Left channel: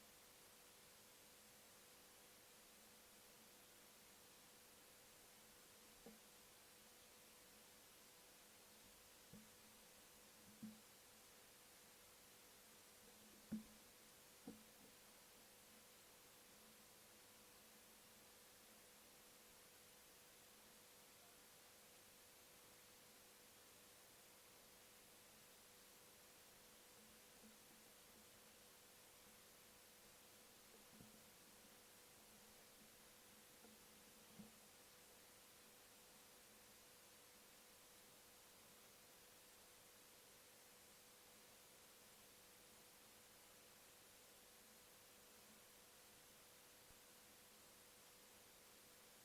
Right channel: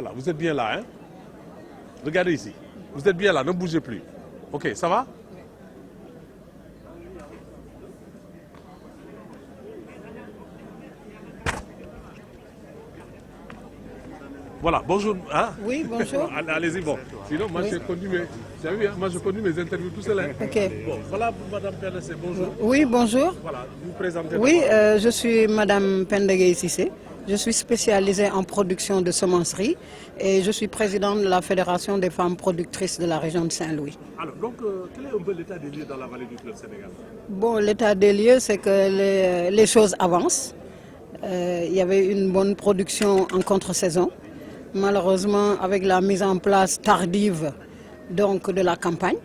Voilà, vous êtes bien là, hein? Regardez ici. Vous êtes bien là, ne bougez plus. Ok, ça va? Voilà, bonjour. Hein? Oui, bonjour. Allez-y, bon. Sinon, moi, j'ai conduit mes... Vous avez vu, hein? Moi, je conduis mes interviews tout seul. Hein? Ok. Bon, voilà, Madame PNC, bonjour. Oui, bonjour. Voilà, vous présentez. Oui, je suis Madame Pendegay Sissé. Je suis spécialisée en production de semenceries et je suis présidente de la Fédération des femmes productrices de la région de Saint-Louis. Alors, donc, quel est un peu l'état des lieux dans la vallée du fleuve Sénégal? Bon, l'état des lieux, c'est que les choses avancent. Il y avait une bonne production en contre-saison. Malheureusement, avec la mise en place tardive donc, de la campagne,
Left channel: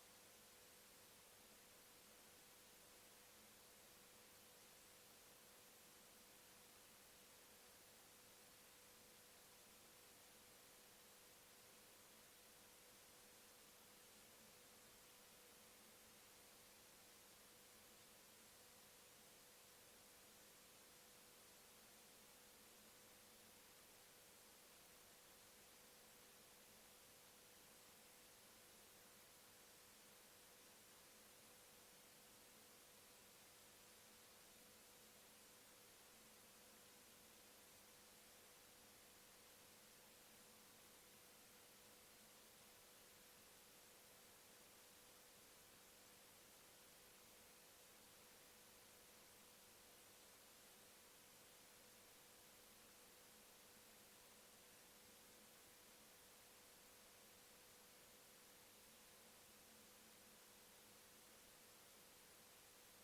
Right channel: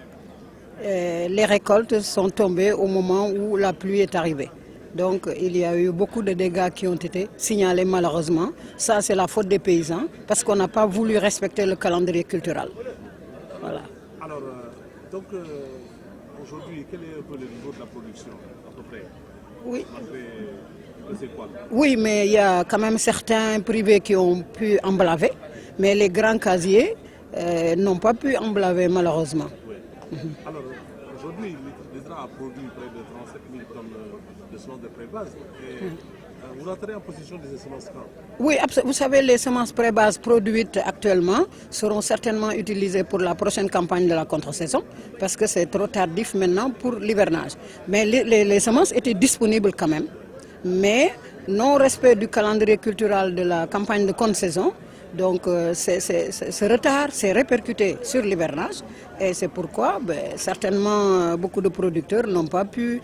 les récoltes sont tombées au moment où la pluie est arrivée. Donc il y a eu beaucoup de dégâts qui ont été signalés malheureusement. Ça c'est la faute des paysans parce qu'on n'a pas voulu respecter le calendrier culturel. Voilà. Alors, donc aujourd'hui, quel est un peu le niveau de la production à peu près? Oui. C'est quoi? Oui, mais il y a quand même certains privés qui ont pu emblaver, mais les grands casiers n'ont pas pu emblaver malheureusement. Oui. Alors, aujourd'hui, l'ISRA a produit près de 37 000 tonnes de semences de pré-base. Vous entrez en position de ces semences quand? Oui, vous savez, les semences pré-base produites actuellement seront certainement utilisées pour la prochaine campagne de la contre-saison, parce que c'est trop tardif maintenant pour l'hivernage. Mais les semences étaient disponibles quand même. Mais non-respect du calendrier culturel de la campagne de contre-saison, donc ce retard s'est répercuté sur l'hivernage et c'est pourquoi certainement beaucoup de producteurs n'ont pas pu,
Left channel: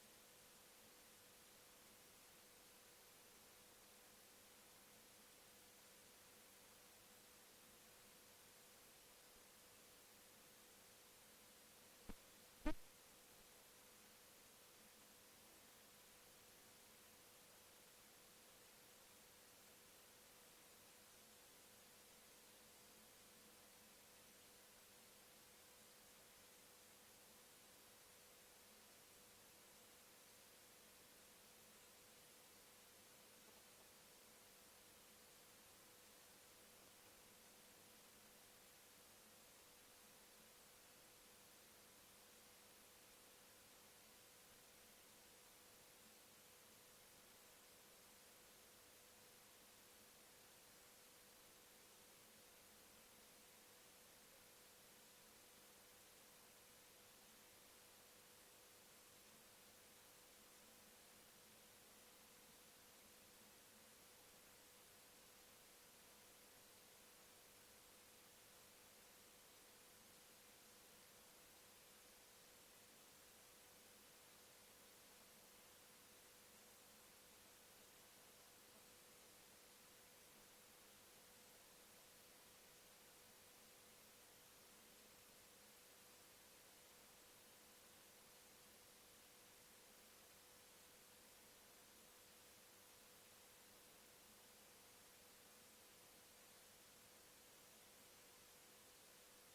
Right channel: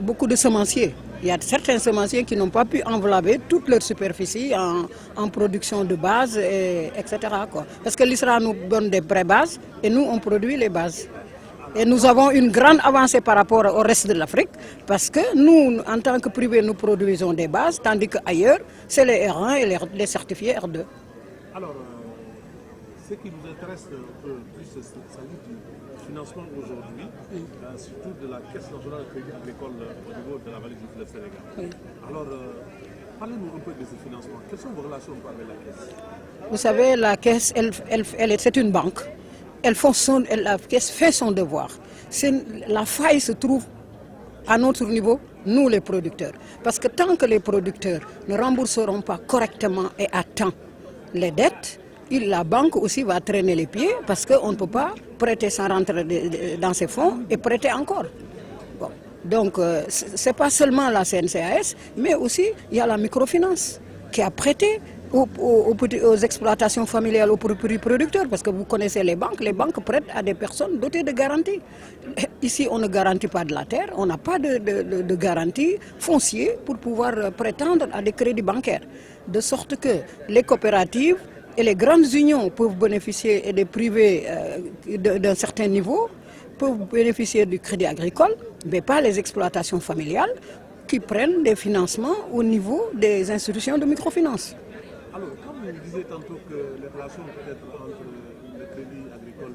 beaucoup de semenciers, il y a certains semenciers qui n'ont pas pu envelopper toute leur superficie en production de base, etc. quoi. Parce que l'ISRA nous donne des pré-bases et nous on produit les bases. Et nous avons une grande avancée par rapport au reste de l'Afrique parce que nous, en tant que privé, nous produisons des bases, tandis qu'ailleurs, c'est les R1 et les certifiés R2. Alors, ce qui nous intéresse un peu plus, c'est s'agit du financement aujourd'hui, surtout de la Caisse nationale de crédit agricole au niveau de la vallée du fleuve Sénégal. Oui. Alors, parlez-nous un peu de ce financement. Quelles sont vos relations avec la Caisse? Vous savez, la Caisse, c'est une banque. La Caisse fait son devoir. La faille se trouve à notre niveau, nous les producteurs. Parce que tant que les producteurs ne rembourseront pas correctement et à temps les dettes, la banque aussi va traîner les pieds parce qu'on ne peut pas prêter sans rentrer dans ses fonds et prêter encore. Bon. Donc, ce n'est pas seulement la CNCAS, mais aussi il y a la microfinance qui a prêté aux exploitations familiales, aux producteurs, parce que vous connaissez les banques prêtent à des personnes dotées de garanties. Ici, on ne garantit pas de la terre, on n'a pas de garantie foncière pour pouvoir prétendre à des crédits bancaires. De sorte que les coopératives et les grandes unions peuvent bénéficier, et des privés d'un certain niveau, peuvent bénéficier du crédit agricole, mais pas les exploitations familiales qui prennent des financements au niveau des institutions de microfinance. Alors, comme vous disiez tantôt que les relations peut-être entre le crédit agricole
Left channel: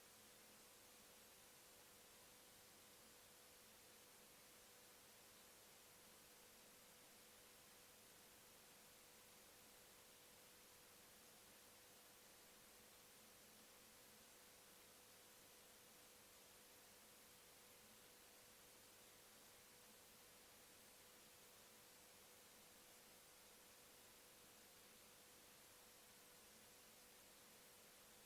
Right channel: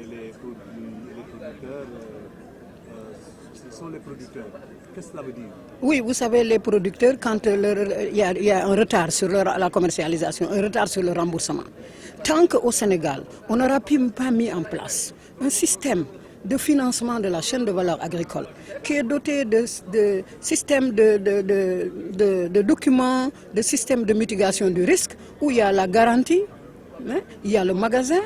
et les producteurs, ce sont les producteurs. Qu'est-ce que cela veut dire? Oui, vous savez, les producteurs, quand il y a un retard sur la commercialisation, un retard sur le remboursement, tant qu'au Sénégal, on n'aura pas mis en place un système de financement de la chaîne de valeur agricole qui est doté de systèmes de documents, de systèmes de mitigation du risque, où il y a la garantie, il y a le magasin,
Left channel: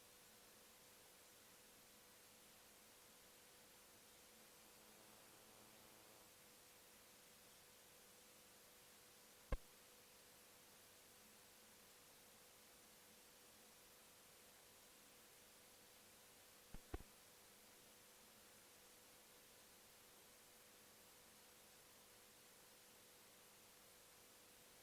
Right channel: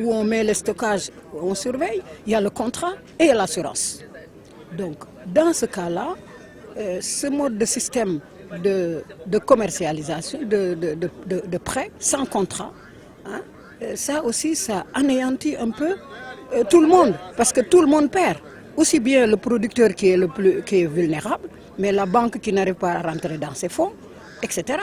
où on met les stockages, où on surveille, il y a le contrat et l'assurance. Donc, dans ce cas-là, ce mode de système de commercialisation, de prêt sans contrat, ça aussi, ça anéantit un peu tout le monde, parce que tout le monde perd. Aussi bien le producteur qui est vulnérable, mais la banque qui n'arrive pas à rentrer dans ses fonds, etc.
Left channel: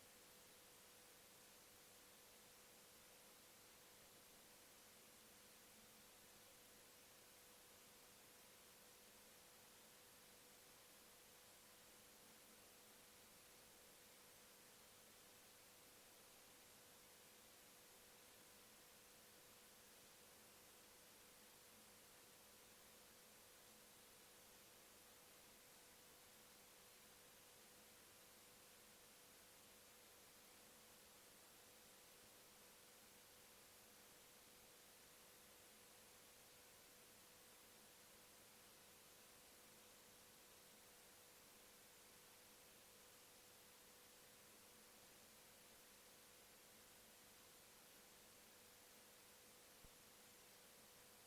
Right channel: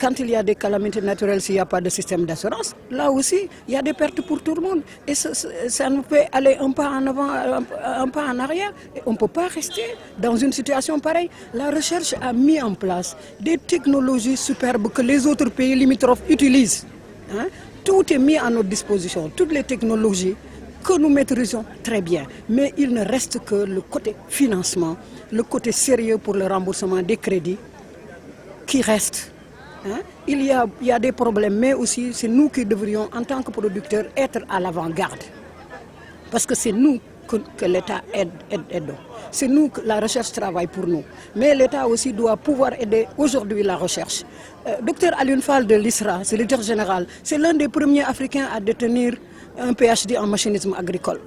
Quand il y a des calamités naturelles, s'il n'y a pas de système d'assurance, là aussi, il y a des pertes pour tout le monde. Et ça nous fait aller un pas en avant, un pas en arrière. Et on ne peut pas rester dans une situation pareille. La recherche a mis en place des technologies superbes que les autres pays limitrophes utilisent. Tout est mis à notre disposition, toutes les technologies que nous maîtrisons très bien. Mais il ne reste que le côté financement, le côté sérieux pour le remboursement des crédits qui reste. Hein? Il y a des problèmes, mais aussi c'est nous qui devrions, en tant que producteurs, être à l'avant-garde. Parce que c'est nous que l'État aide. C'est nous que la recherche travaille pour nous. Mais l'État aussi doit pouvoir aider aujourd'hui la recherche. Docteur Alioune Fall de l'ISRA, c'est le directeur général, c'est l'un des premiers Africains à détenir un PhD en machinisme agricole.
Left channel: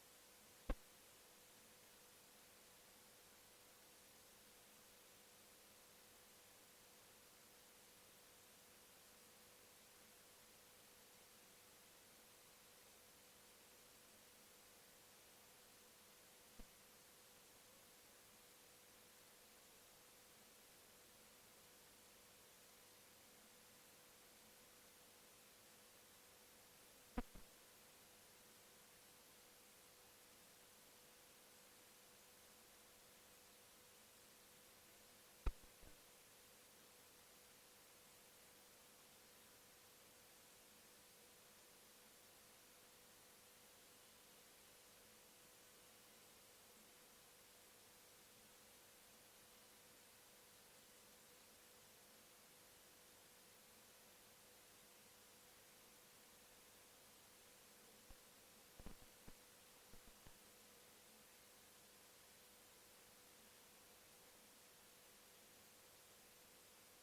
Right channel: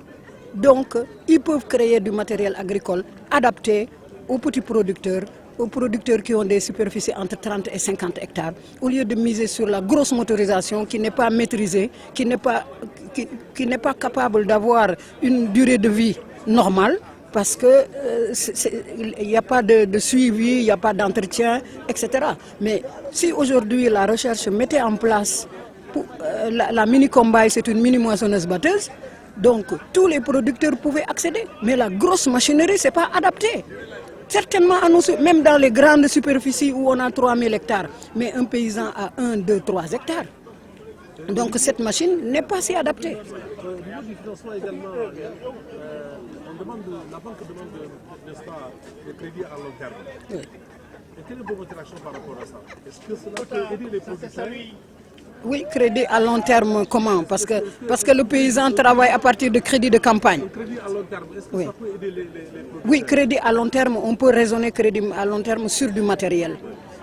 Donc, ils peuvent créer du matériel agricole adapté aux petits producteurs qui ont des superficies entre 30 et 50 hectares, au lieu de miser sur la grosse motorisation qui n'est pas maîtrisée, qui n'est pas capable d'avoir une durée de vie normale, parce qu'il n'y a pas de suivi, il n'y a pas d'entretien, etc. Mais si aujourd'hui la recherche mettait en place, la mini-combine, c'est une mini-moissonneuse-batteuse, donc tous les producteurs pouvaient accéder. Mais la grosse machinerie, ce n'est pas adapté. Certainement, même dans les grandes superficies où on a 3000 hectares, mais un paysan a 1, 2, 3 hectares. Donc cette machine n'est pas si adaptée. Au niveau du financement également, la banque demande, n'est-ce pas, des crédits à long terme. Oui. Et quelle est votre réaction par rapport à ça? Est-ce que cela peut aider les producteurs? Oui, crédit à long terme, comment? Parce que le paysan travaille à partir de crédits de campagne. Crédit à long terme, est-ce que oui. Ça peut aider les producteurs? Oui, crédit à long terme, on peut raisonner crédit à long terme sur du matériel,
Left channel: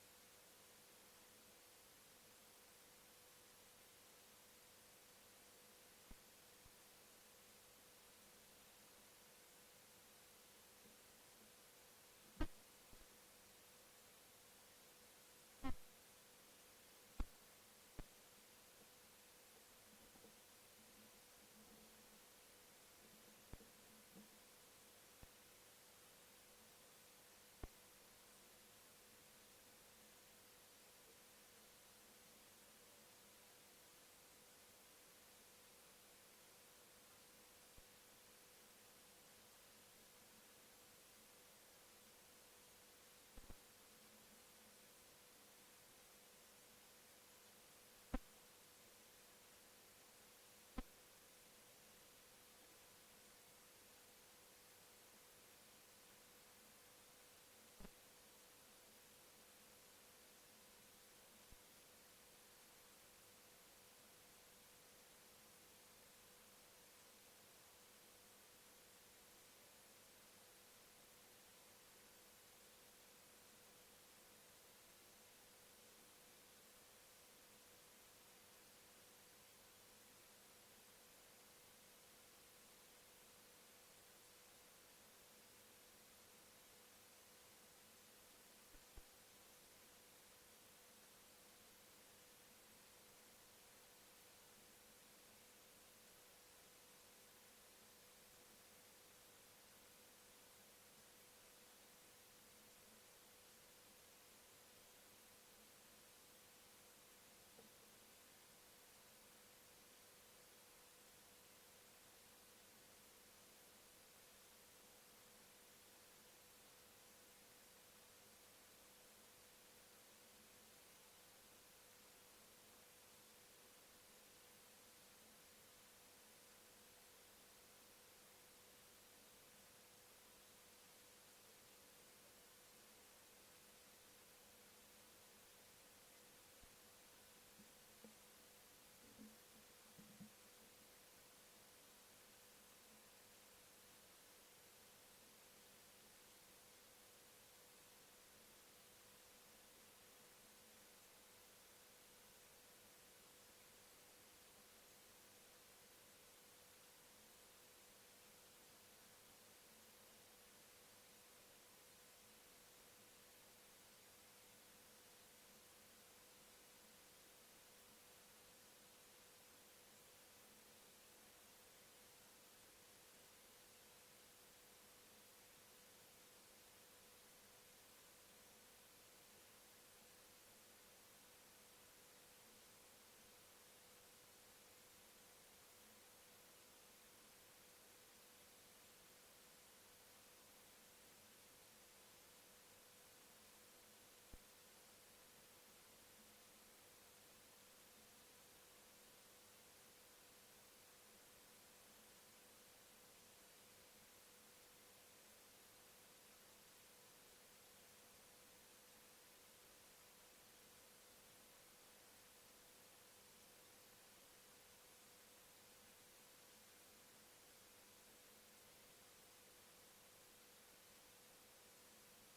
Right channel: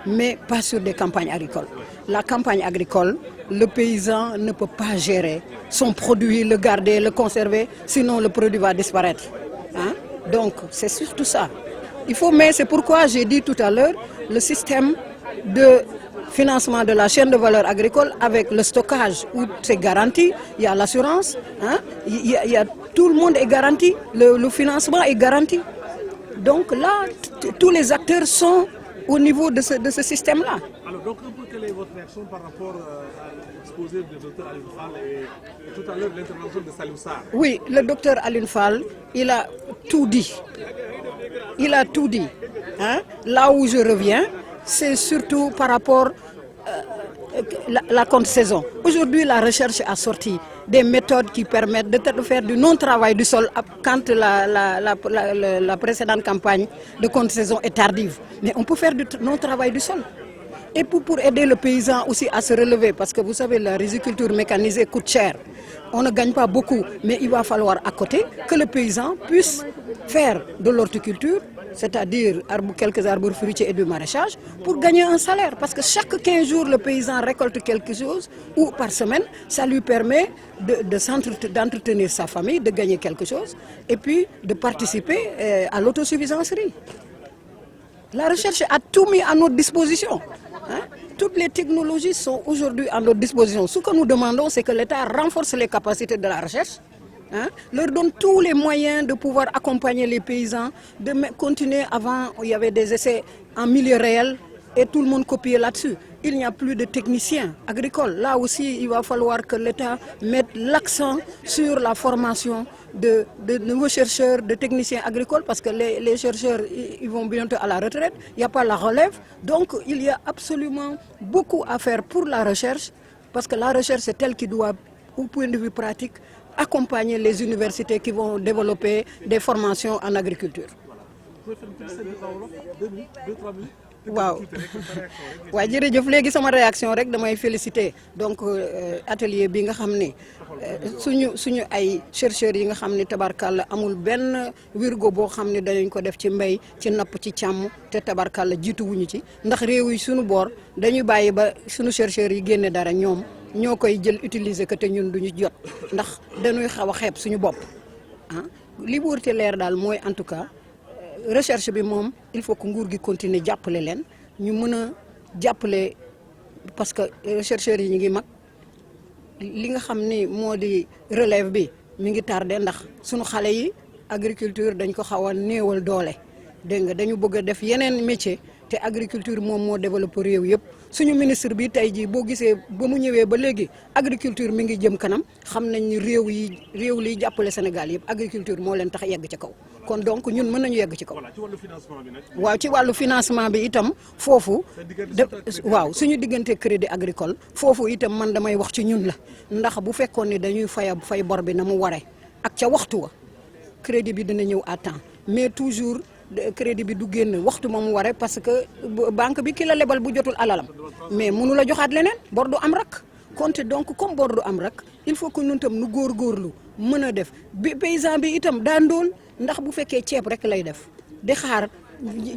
mais pas sur des campagnes agricoles. La campagne agricole, le paysan ne peut pas gérer son produit, le garder, le conserver, sinon le produit va disparaître. Hein? Donc, c'est surtout ça. Mais c'est pourquoi j'ai dit tout à l'heure, le système de financement de la chaîne de valeur agricole avec le stockage où c'est garanti, il y a l'assurance, hein? Tout le monde est garanti, le financement est garanti. Donc là, tous les acteurs sont au niveau de ce système-là. Alors donc, quelle est votre réaction par rapport à l'exposé du docteur Alioune Fall et tout à l'heure l'intervention de Salif Sarr? Oui, le docteur Alioune Fall, il a tout dit. Il a tout dit. Hein? Là où je reviens, c'est surtout par rapport à la contre-saison. Aujourd'hui, la recherche a sorti des méthodes qui permettent de faire du non-travail du sol quand la précédente campagne de contre-saison est tardive. Mais on peut faire du non-travail du sol. Et pour aider le paysan aussi à se relever, parce que vous savez, la riziculture mécanisée coûte cher. On ne gagne pas beaucoup, mais il va falloir à côté que le paysan puisse faire de l'horticulture, c'est-à-dire quelques arbres fruitiers et du maraîchage, pour gagner un salaire. Parce que chaque 15 jours, le paysan récolte quelque chose, ou par semaine, ça lui permet d'entretenir sa famille, de gagner quelque chose, et puis de participer à l'autosuffisance riz. La recherche a tout mis à notre disposition. Hein? Toutes les technologies sont aujourd'hui à notre disposition. Ce que nous demandons, c'est que l'État renforce les capacités de la recherche, hein? Leur donne tous les moyens de pouvoir accompagner les paysans, de continuer. Avant, il y avait des essais en milieu réel et tout le monde copiait là-dessus. Il n'y a plus de techniciens agricoles. Là aussi, il va falloir que l'État mette l'accent sur la formation de nouveaux chercheurs, de techniciens agricoles, parce que les chercheurs ils vont bientôt à la retraite, il n'y a pas la relève. Donc il y a absolument beaucoup à faire pour la recherche, parce que la recherche c'est elle qui doit, au point de vue pratique, accompagner les universités qui vont développer des formations en agriculture. waaw waaye jërëjëf léegi sama réaction rek damay féliciter donc atelier bi nga xam ne suñu ay chercheurs yi nga xam ne tabarkalla amul benn wirgo boo xam ne danañ ko def ci mbéy ci napp ci càmm te tabarkalla jiitu wuñu ci ndax réew yi suñu boor dañuy bàyyi ba suñu chercheurs yi génne dara ñoom ñoo koy jël utiliser ko te ñun duñu jot ndax dañuy xaw a xeeb suñu bopp ah li wërte leer daal mooy en tout cas recherche bi moom il faut que nguur gi continuer jàppale leen ñu mën a jàppale parce que chercheurs yi ñu ngi mag li nga xam ni moo di relève bi mi ngi tardé ndax suñu xale yi agriculture dañ ko xaw a néewal doole dégg nga dañu bëgg a def yeneen métier te agriculture moom moo développé réew yëpp suñu ministre bi tey jii boo gisee ba mu ñëwee ba léegi agriculture mi ngi jëm kanam xam nañ ni réew liy jàppale Sénégal yëpp agriculture moo leen tax yegg ci kaw kon donc ñun mën nañu yegg ci kaw. waaw ci wàllu financement bi itam foofu waaw suñu diggante crédit agricole foofu itam man damay wax ci ñun la ndax bu fekkoon ni dañuy fay bor bi na mu waree ak ca waxtu wa crédit bi dina ñëw à temps mais toujours crédit bi du génn waxtu ma mu waree parce que banque bi ki la lebal bu jotul alalam mais mënu la joxaat leneen bor du am rak compte donc comme bor du am rak il faut que ñun tam nu góorgóorlu mën a def bi paysan bi itam daa ndóol ndax bu fekkee ceeb rek lay def di xaar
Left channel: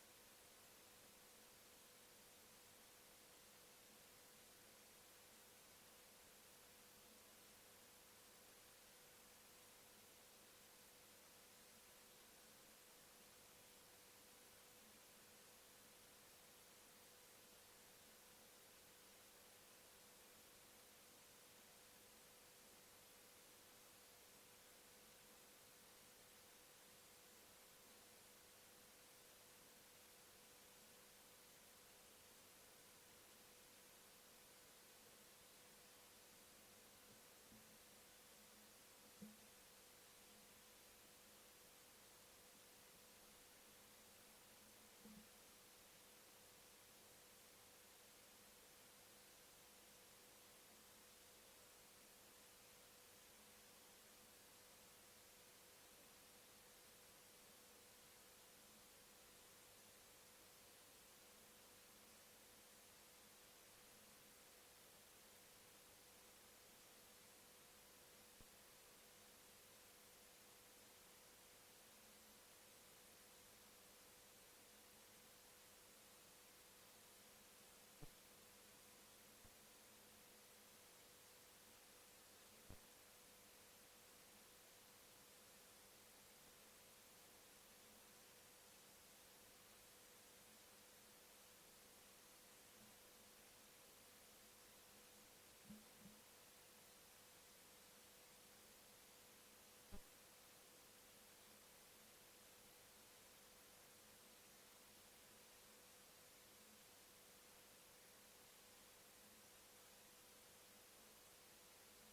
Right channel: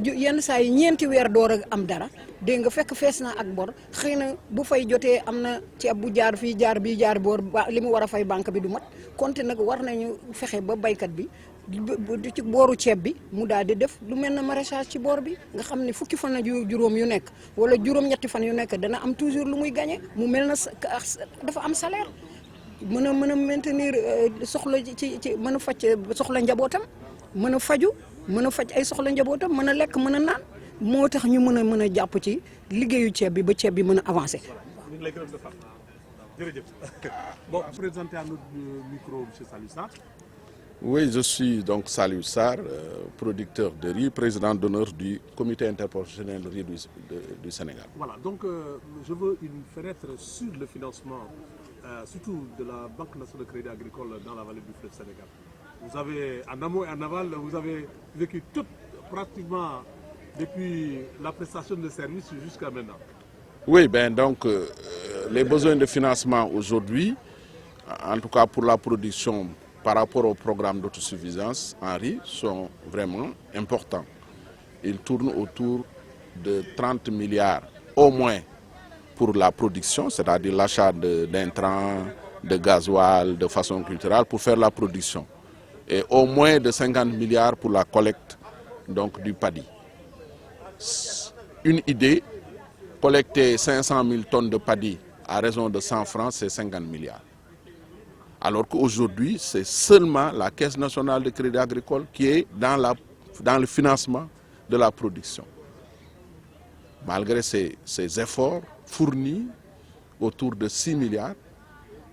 yenn saa yi ñeenti weer door a am dara dégg nga fekk fees na ak bor xëy na bu fay jotee am na ceeb bu jaar fii jaar bii jaar boor li mu war a fay banque bi du mat konte nag war nañu fexe ba baykat bi ci booru ceeb bi mu daal di def lu mel na maraîchage ci boor bi nga xam ne fukki fan ak juróom yu nekk wala juróom-ñetti fan yu nekk dana am toujours lu muy gagné mu mel na dafa am salaire mën a maintenir soxla ci mën a faj soxla njabootam mën a faju mën a faj ay soxla njabootam mën a lekk mën a naan moo tax ñu mën a jàpp ci liggéeyu ceeb bi ba ceeb bi mën a avancé. Bon, présentez à notre micro, M. Saliou Sarr. Oui, je suis donc Saliou Sarr, producteur de riz, président d'honneur du comité interprofessionnel de riz du Sénégal. Voilà, donc je veux une fenêtre sur le financement, surtout de la Banque nationale de crédit agricole dans la vallée du fleuve Sénégal. Vous avez, en amont et en aval, vous avez vécu tout, pratiquement depuis la prestation de services jusqu'à maintenant. Oui, donc les besoins de financement aujourd'hui, en tout cas pour la production par rapport au programme d'autosuffisance en riz, sont vraiment importants. Ils tournent autour de 30 milliards au moins pour la production, c'est-à-dire l'achat d'intrants, de gasoil, de façon culturelle pour faire la production. Et au moins de 50 milliards pour la collecte donc, du paddy. Une idée, collecter 500 000 tonnes de paddy à raison de 100 francs, c'est 50 milliards. Alors qu'aujourd'hui, c'est seulement la Caisse nationale de crédit agricole qui est dans le financement de la production. Malgré ces efforts fournis autour de 6 milliards,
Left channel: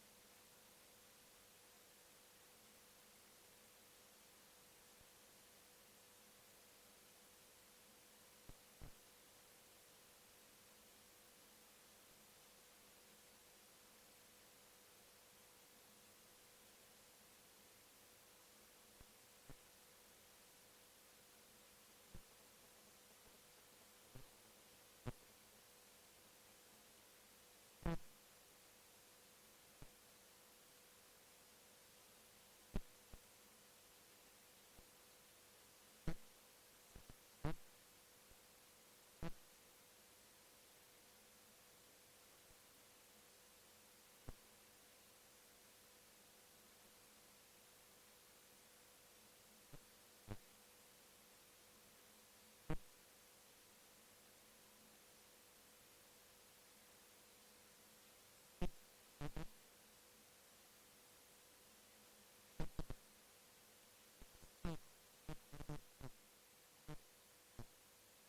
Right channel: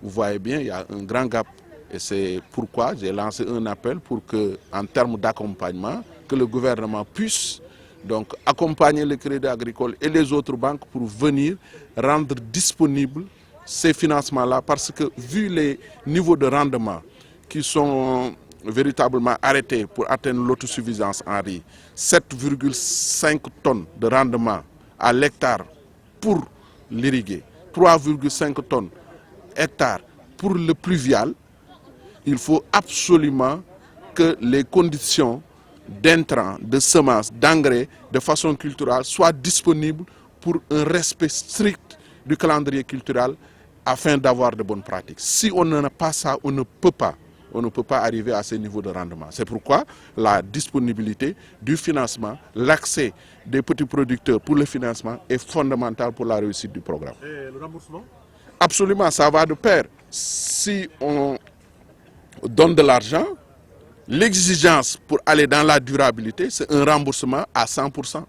vous voyez bien, il y a un grand gap. Et c'est pourquoi j'ai lancé un appel pour que, en termes d'accompagnement, que le gouvernement puisse donc accompagner le crédit agricole et les autres banques pour venir rendre disponibles ces financements-là, parce que vu les niveaux de rendement qui sont véritablement arrêtés pour atteindre l'autosuffisance en riz, 7,5 tonnes de rendement à l'hectare pour l'irriguer, 3,5 tonnes hectare pour le pluvial, il faut absolument que les conditions d'intrants, de semences, d'engrais, de façon culturelle soient disponibles pour un respect strict du calendrier culturel afin d'avoir de bonnes pratiques. Si on n'a pas ça, on ne peut pas arriver à ces niveaux de rendement. C'est pourquoi la disponibilité du financement, l'accès des petits producteurs pour le financement est fondamental pour la réussite du programme. Et le remboursement? Absolument, ça va de pair. Si on donne de l'argent, l'exigence pour aller dans la durabilité, c'est un remboursement à 100%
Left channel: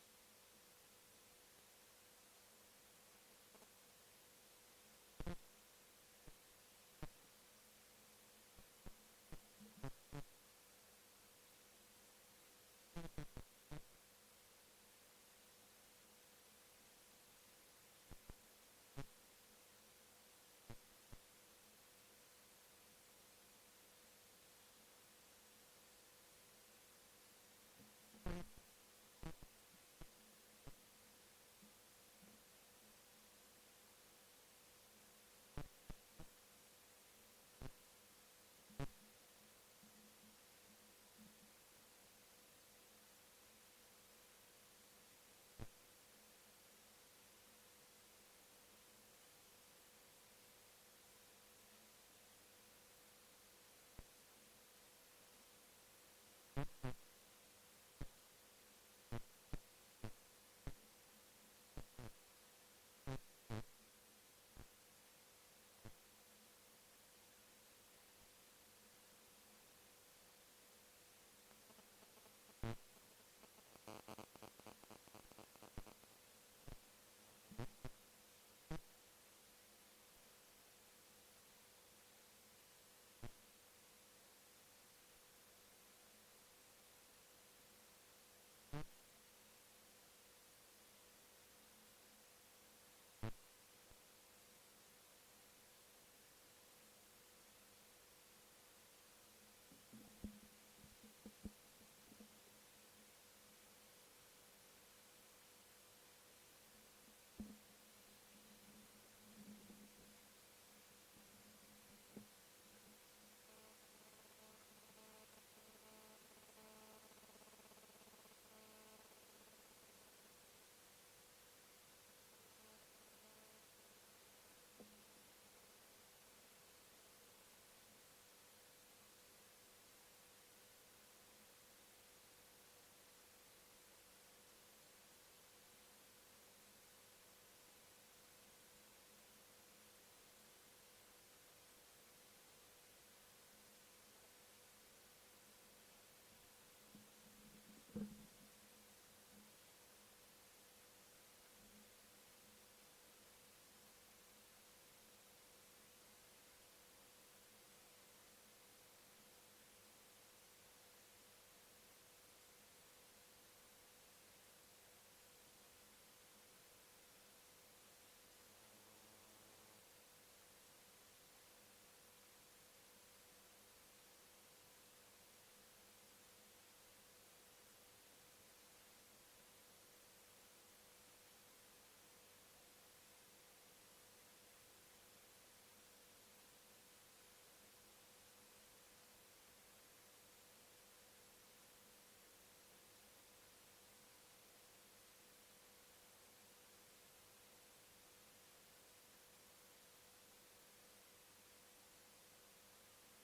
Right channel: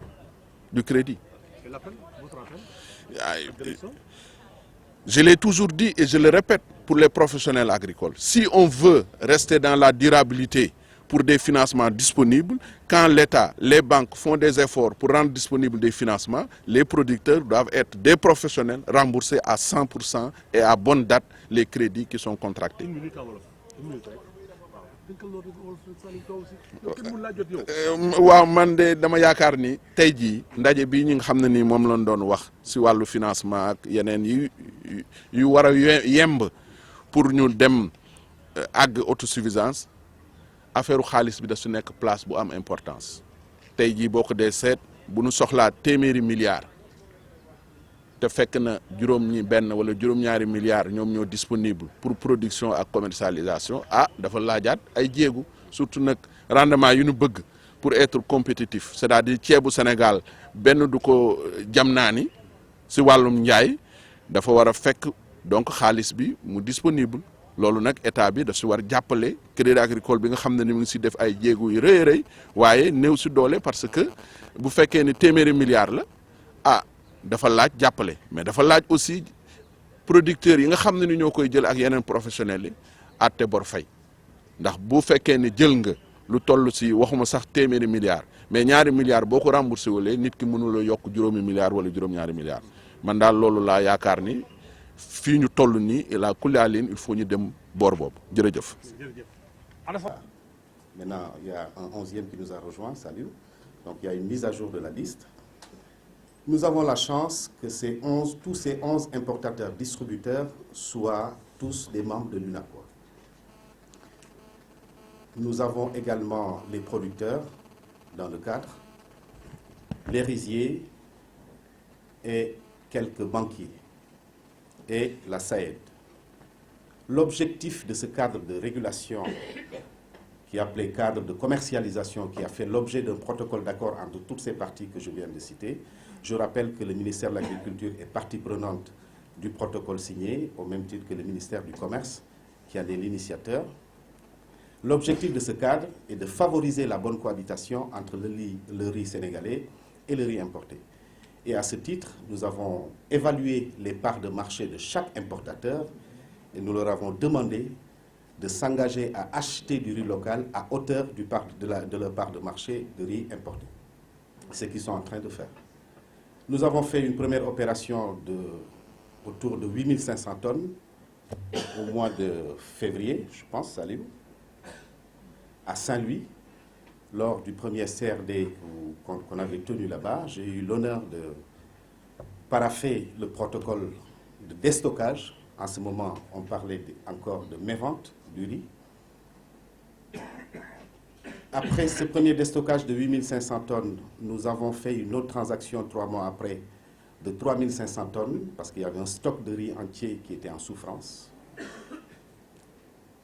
du crédit. Et l'appel, votre appel? Je l'ai toujours dit et je le répète pour les professionnels agricoles. Si on veut rester dans la durabilité pour des financements disponibles, quand l'État, les banques font des efforts pour rendre disponibles des financements, les producteurs doivent être des professionnels remboursés à 100% et à bonne date les crédits qui sont contractés. Une minute en wolof. Une minute rek. waaw man de dama yaakaar ni tey jii ndaje bii ñi nga xam ne nii moom lañ doon wax si wàllu financement ak yeneen yu war a yemb pour ñu dem àgg autosuffisance affaire xaalis bi da su nekk place bu am importance tey jii boo ko dee seet bu ñu soxlaa téeméeri milliards te fekk na benn wala juróom-ñaari milliards ñoom ñoo disponible pour production ak commercialisation dafa laajaat ay jéegu surtout nag rendement yu ñu bëgg pour être compétitif c'est-à-dire ceebu Sénégal benn du ko jam naa ni si wàllum njaay dafa war a fekk donc xaalis bi mu disponible loolu nag état bi daf si war jàppale crédit agricole bi nga xam ne ni mu ngi si def ay jéegu yu rëy rëy waaye néew si doole parce que bu fekkee ni téeméeri milliards la dafa laaj jàppale mais dafa laaj aussi producteurs yi nga xam ne ni ñoo koy jël ak yeneen professionnels yi àtte bor fay ndax bu fekkee ne jël nga lu toll si waxuma sax téeméeri milliards mais ñaari milliards boo ko remboursé wulee nit ki mënula yokk juróomi milliards wala juróom-ñaari milliards man daal loolu laa yaakaar ni fii ñu toll nii la kulaalin il faut ñu dem boor boobu jërëjëf. Maintenant, il y a un 11e qui nous a rejoint, salut. Donc il y a une mise à jour de la liste. Nous avons la chance que tous ces 11 importateurs-distributeurs soient tous des membres de l'UNACOIS. Nous avons également les producteurs dans le cadre, les riziers et quelques banquiers et la SAED. L'objectif de ce cadre de régulation, qui est appelé cadre de commercialisation, qui a fait l'objet d'un protocole d'accord entre toutes ces parties que je viens de citer. Je rappelle que le ministère de l'Agriculture est partie prenante du protocole signé, au même titre que le ministère du Commerce, qui en est l'initiateur. L'objectif de ce cadre est de favoriser la bonne cohabitation entre le riz sénégalais et le riz importé. Et à ce titre, nous avons évalué les parts de marché de chaque importateur et nous leur avons demandé de s'engager à acheter du riz local à hauteur de leur part de marché de riz importé. C'est ce qu'ils sont en train de faire. Nous avons fait une première opération autour de 8500 tonnes au mois de février, je pense, salut, à Saint-Louis, lors du premier CRD qu'on avait tenu là-bas. J'ai eu l'honneur de paraffer le protocole de déstockage. En ce moment, on parlait encore de mévente du riz. Après ce premier déstockage de 8500 tonnes, nous avons fait une autre transaction 3 mois après de 3500 tonnes, parce qu'il y avait un stock de riz entier qui était en souffrance.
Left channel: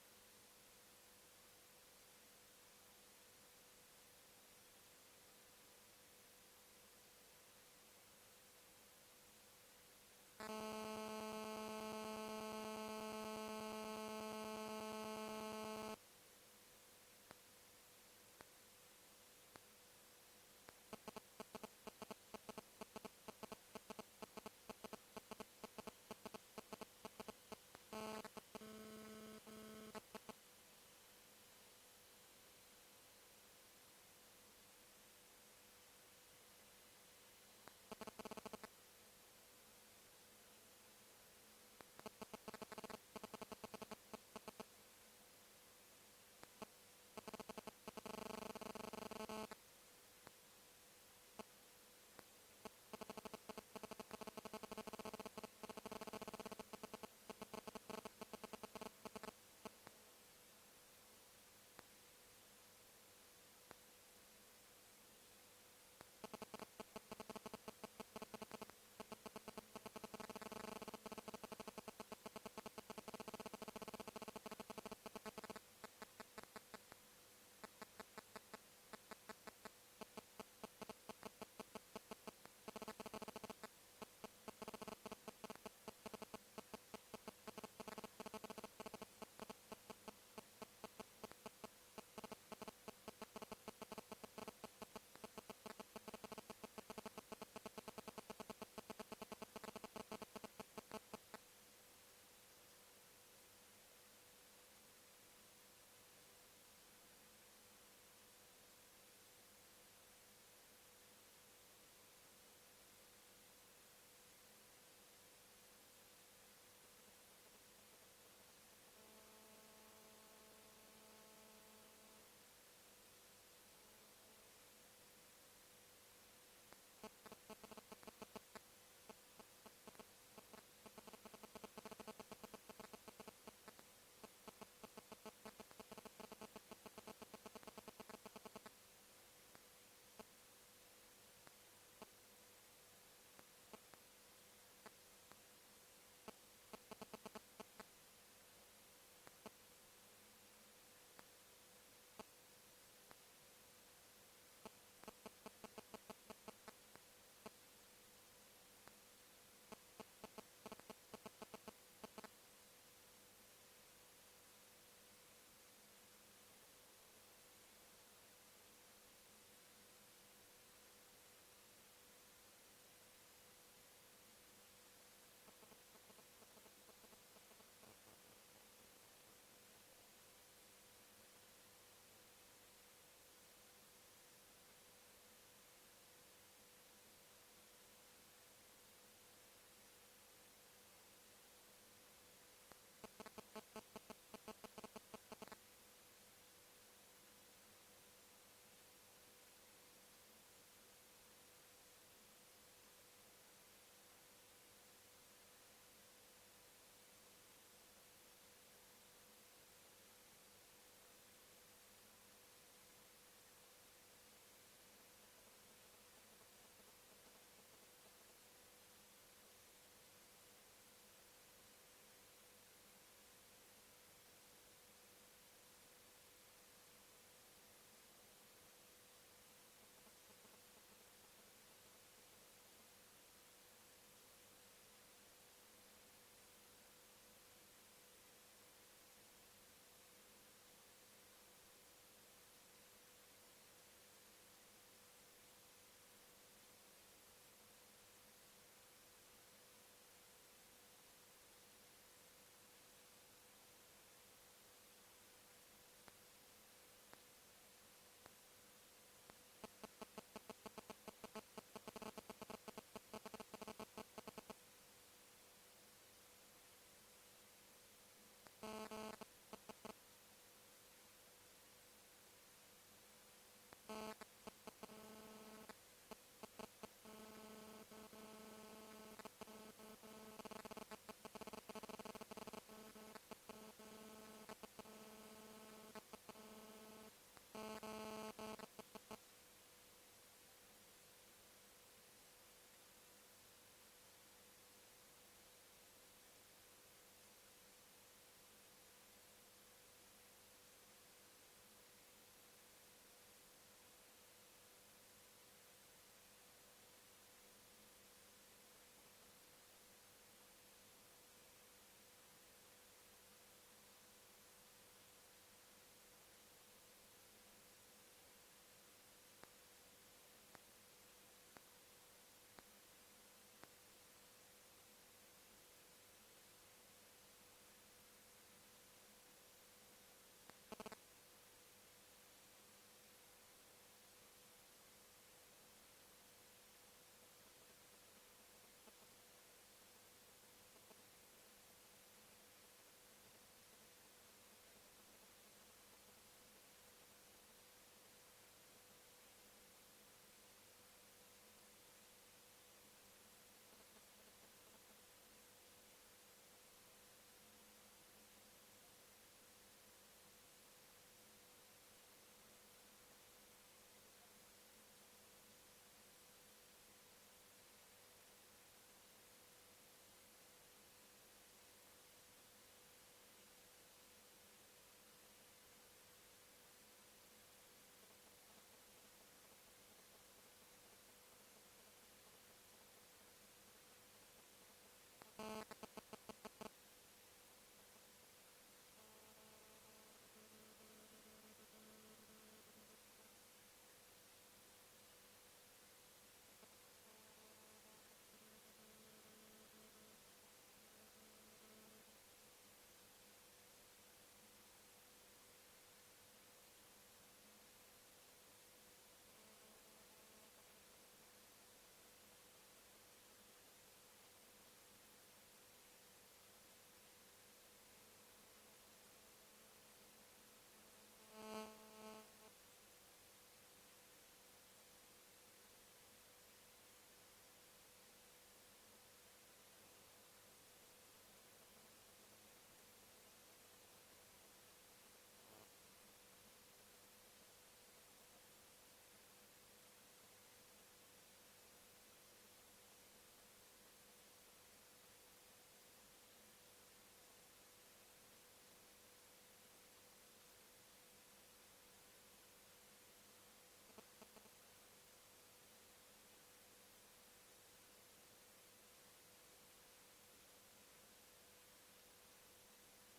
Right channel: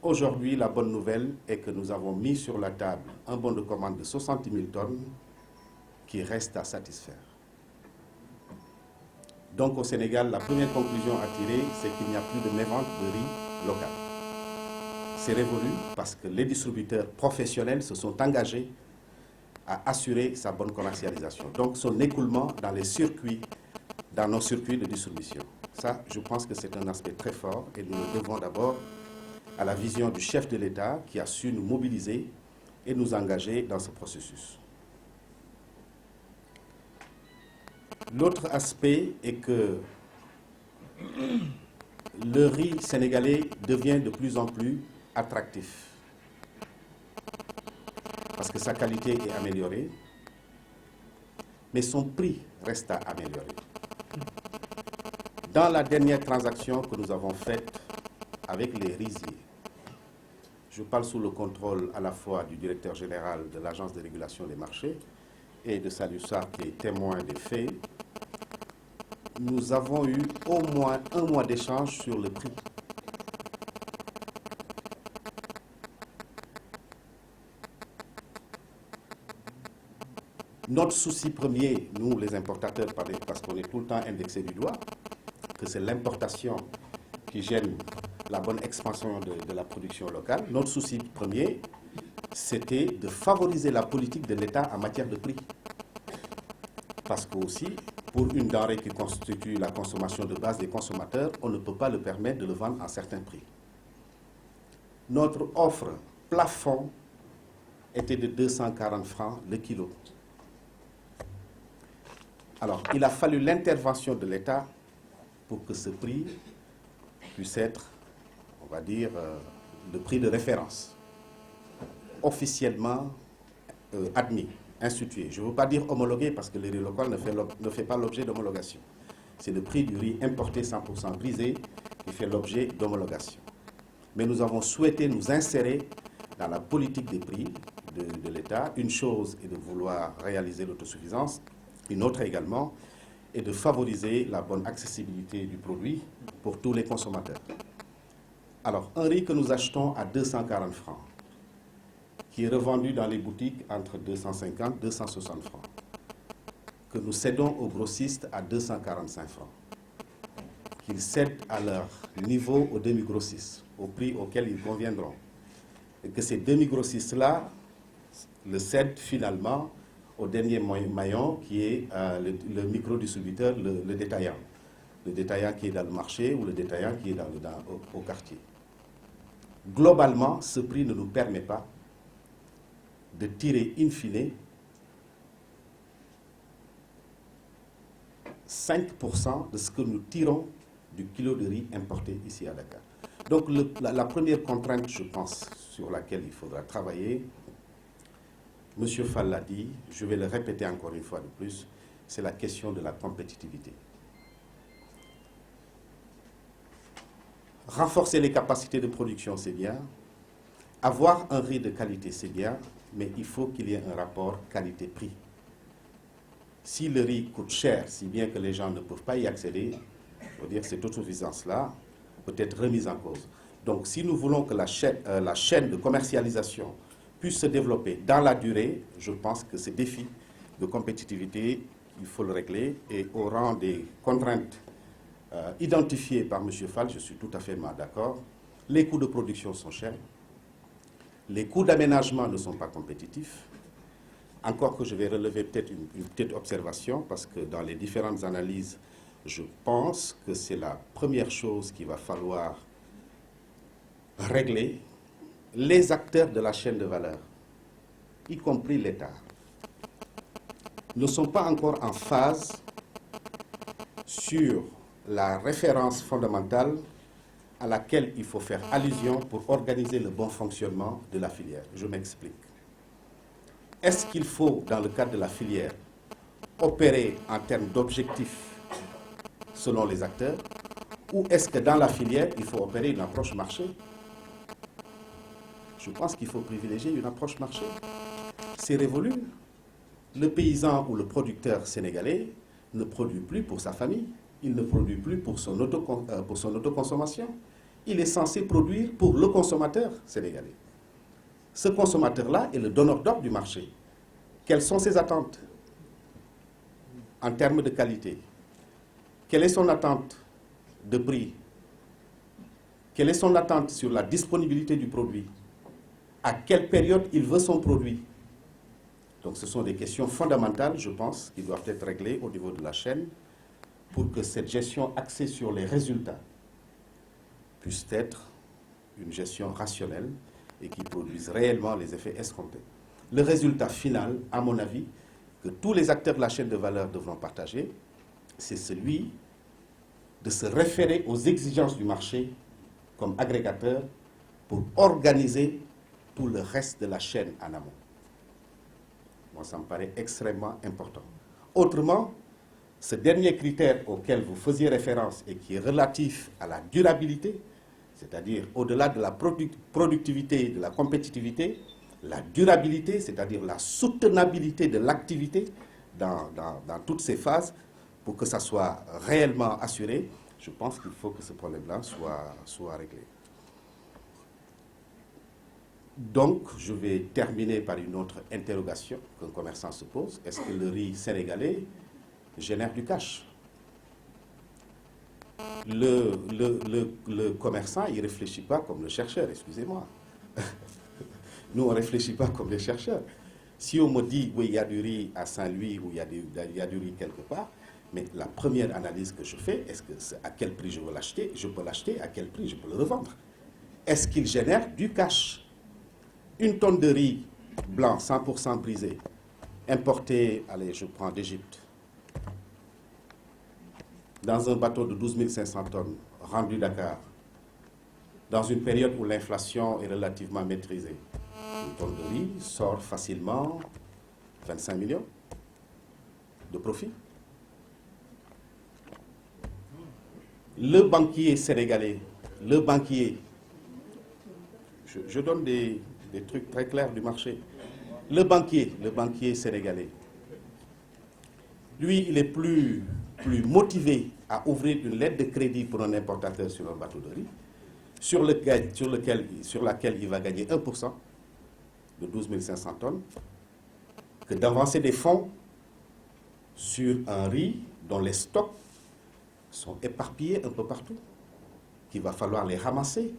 Aujourd'hui, la bonne nouvelle est que nous avons mis sur la table un bon de commande de 60 000 tonnes qui reste à satisfaire. Donc au Sénégal, la première conclusion à tirer, c'est qu'il n'y a plus de mévente de riz local. C'est révolu parce que les distributeurs professionnels se sont engagés à assurer sa bonne commercialisation. Donc son écoulement dans les circuits, dans nos circuits de distribution. Ça, je pense que c'est un aspect très fort et nous le devons d'abord à la vision du chef de l'État qui a su nous mobiliser et nous engager dans ce processus. L'autre aspect est que le riz sénégalais devient de plus en plus attractif parce que sa qualité est améliorée, mais son prix reste à améliorer. Dans la dernière transaction que nous avons faite avec les riziers, je parle sous le contrôle à la fois du directeur général de l'Agence de régulation des marchés et de Salou Sarr qui est témoin des faits, nous avons eu au moins un mois d'échange sur le prix. Notre souci premier, nous les importateurs, parce qu'on est tout le temps indexés du doigt, que c'est l'importation qui gêne la bonne expansion de la production locale. Notre souci premier, c'était de favoriser la politique de l'État en matière de prix. Parce que aussi, pour une denrée qui constitue la consommation de base des consommateurs, on ne peut pas le permettre de le vendre à certains prix. Notre offre plafond était de 240 francs le kilo. Alors, il a fallu l'intervention de l'État pour que ce prix puisse être, on va dire, le prix de référence, officiellement admis, institué. Je ne veux pas dire homologué parce que le riz local ne fait pas l'objet d'homologation. C'est le prix du riz importé 100% brisé qui fait l'objet d'homologation. Mais nous avons souhaité nous insérer dans la politique des prix de l'État. Une chose est de vouloir réaliser l'autosuffisance, une autre également est de favoriser la bonne accessibilité du produit pour tous les consommateurs. Alors, un riz que nous achetons à 240 francs, qui est revendu dans les boutiques entre 250 et 260 francs, que nous cédons aux grossistes à 245 francs, qu'ils cèdent à leur niveau aux demi-grossistes, au prix auquel ils conviendront, et que ces demi-grossistes-là le cèdent finalement au dernier maillon qui est le micro-distributeur, le détaillant. Le détaillant qui est dans le marché ou le détaillant qui est au quartier. Globalement, ce prix ne nous permet pas de tirer in fine 5% de ce que nous tirons du kilo de riz importé ici à Dakar. Donc la première contrainte, je pense, sur laquelle il faudra travailler, Monsieur Fall l'a dit, je vais le répéter encore une fois de plus, c'est la question de la compétitivité. Renforcer les capacités de production, c'est bien. Avoir un riz de qualité, c'est bien, mais il faut qu'il y ait un rapport qualité-prix. Si le riz coûte cher, si bien que les gens ne peuvent pas y accéder, il faut dire que cette autosuffisance-là peut être remise en cause. Donc, si nous voulons que la chaîne de commercialisation puisse se développer dans la durée, je pense que ces défis de compétitivité, il faut le régler. Et au rang des contraintes identifiées par M. Fall, je suis tout à fait d'accord. Les coûts de production sont chers. Les coûts d'aménagement ne sont pas compétitifs. Encore que je vais relever peut-être une petite observation, parce que dans les différentes analyses, je pense que c'est la première chose qu'il va falloir régler. Les acteurs de la chaîne de valeur, y compris l'État, ne sont pas encore en phase sur la référence fondamentale à laquelle il faut faire allusion pour organiser le bon fonctionnement de la filière. Je m'explique. Est-ce qu'il faut, dans le cadre de la filière, opérer en termes d'objectifs selon les acteurs, ou est-ce que dans la filière, il faut opérer une approche marché? Je pense qu'il faut privilégier une approche marché. C'est révolu. Le paysan ou le producteur sénégalais ne produit plus pour sa famille, il ne produit plus pour son autoconsommation. Il est censé produire pour le consommateur sénégalais. Ce consommateur-là est le donneur d'ordre du marché. Quelles sont ses attentes en termes de qualité? Quelle est son attente de prix? Quelle est son attente sur la disponibilité du produit? À quelle période il veut son produit? Donc ce sont des questions fondamentales, je pense, qui doivent être réglées au niveau de la chaîne pour que cette gestion axée sur les résultats puisse être une gestion rationnelle et qui produise réellement les effets escomptés. Le résultat final, à mon avis, que tous les acteurs de la chaîne de valeur devront partager, c'est celui de se référer aux exigences du marché comme agrégateur pour organiser tout le reste de la chaîne en amont. Moi, ça me paraît extrêmement important. Autrement, ce dernier critère auquel vous faisiez référence et qui est relatif à la durabilité, c'est-à-dire au-delà de la productivité et de la compétitivité, la durabilité, c'est-à-dire la soutenabilité de l'activité dans toutes ces phases, pour que ça soit réellement assuré, je pense qu'il faut que ce problème-là soit réglé. Donc, je vais terminer par une autre interrogation qu'un commerçant se pose. Est-ce que le riz sénégalais génère du cash? Le commerçant, il ne réfléchit pas comme le chercheur, excusez-moi. Nous, on ne réfléchit pas comme les chercheurs. Si on me dit, oui, il y a du riz à Saint-Louis ou il y a du riz quelque part, mais la première analyse que je fais, est-ce que à quel prix je veux l'acheter? Je peux l'acheter, à quel prix je peux le revendre? Est-ce qu'il génère du cash? Une tonne de riz blanc, 100% brisé, importé, allez, je prends d'Égypte, dans un bateau de 12 500 tonnes, rendu Dakar, dans une période où l'inflation est relativement maîtrisée, une tonne de riz sort facilement 25 millions de profit. Le banquier sénégalais, le banquier, je donne des trucs très clairs du marché. Le banquier sénégalais, lui, il est plus motivé à ouvrir une lettre de crédit pour un importateur sur un bateau de riz, sur laquelle il va gagner 1% de 12 500 tonnes, que d'avancer des fonds sur un riz dont les stocks sont éparpillés un peu partout, qu'il va falloir les ramasser,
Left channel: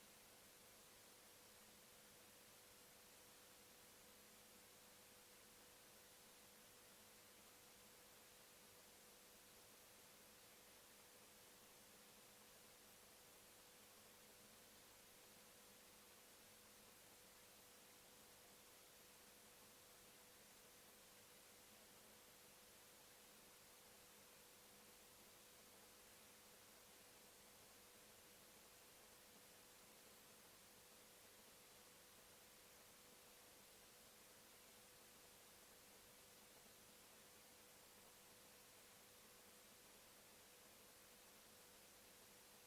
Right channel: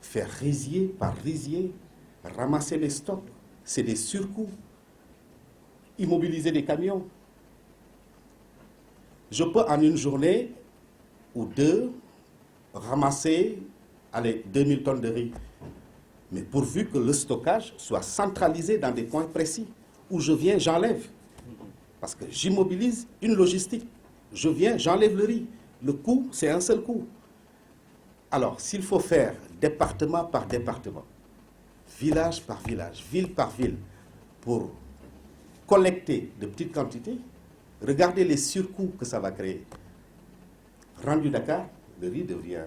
faire rizier par rizier, ramasser les stocks, c'est des surcoûts, immobiliser des camions. Je peux en une journée ou deux ramasser 2000 tonnes de riz, mais pourvu que le stockage soit centralisé dans des points précis, où je viens, j'enlève, parce que j'immobilise une logistique. Je viens, j'enlève le riz. Le coût, c'est un seul coût. Alors, s'il faut faire département par département, village par village, ville par ville, pour collecter de petites quantités, regardez les surcoûts que ça va créer. Rendu Dakar, le riz devient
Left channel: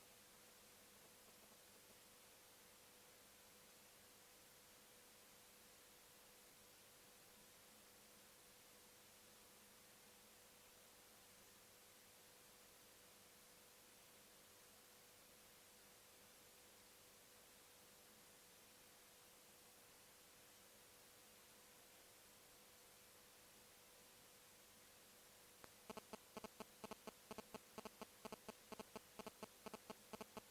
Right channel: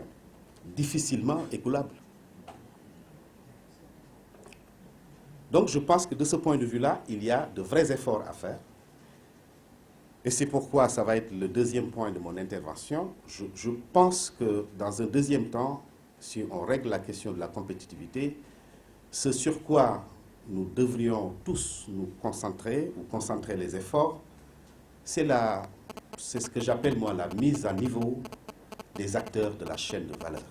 difficilement écoulable. Donc je pense que de ce point de vue-là, il y a de vrais efforts à faire. Et c'est pourquoi ça va être le deuxième point de mon intervention. Je pense que dans un deuxième temps, si on règle la question de la compétitivité, ce sur quoi nous devrions tous nous concentrer ou concentrer les efforts, c'est ce que j'appelle moi la mise à niveau des acteurs de la chaîne de valeur.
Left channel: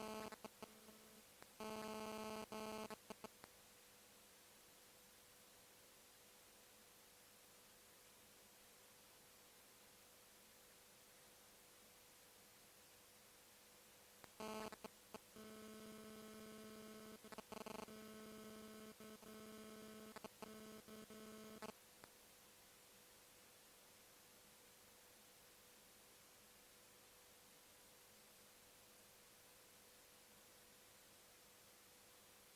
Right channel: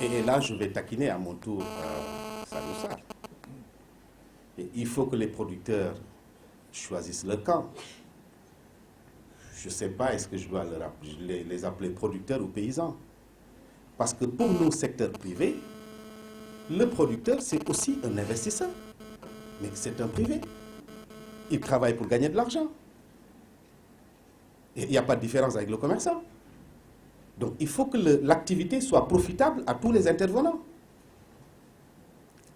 Et là, je vais taquiner à mon tour Salou Sarr. Il faut que les producteurs choisissent leur camp. Je ne sais pas, est-ce que je dois les appeler producteurs ou paysans? Parce que pour nos secteurs privés, le producteur, c'est aussi un investisseur. Mais c'est un privé. Il travaille pour gagner de l'argent. Il n'y a pas de différence avec le commerçant. Donc il faut que l'activité soit profitable à tous les intervenants.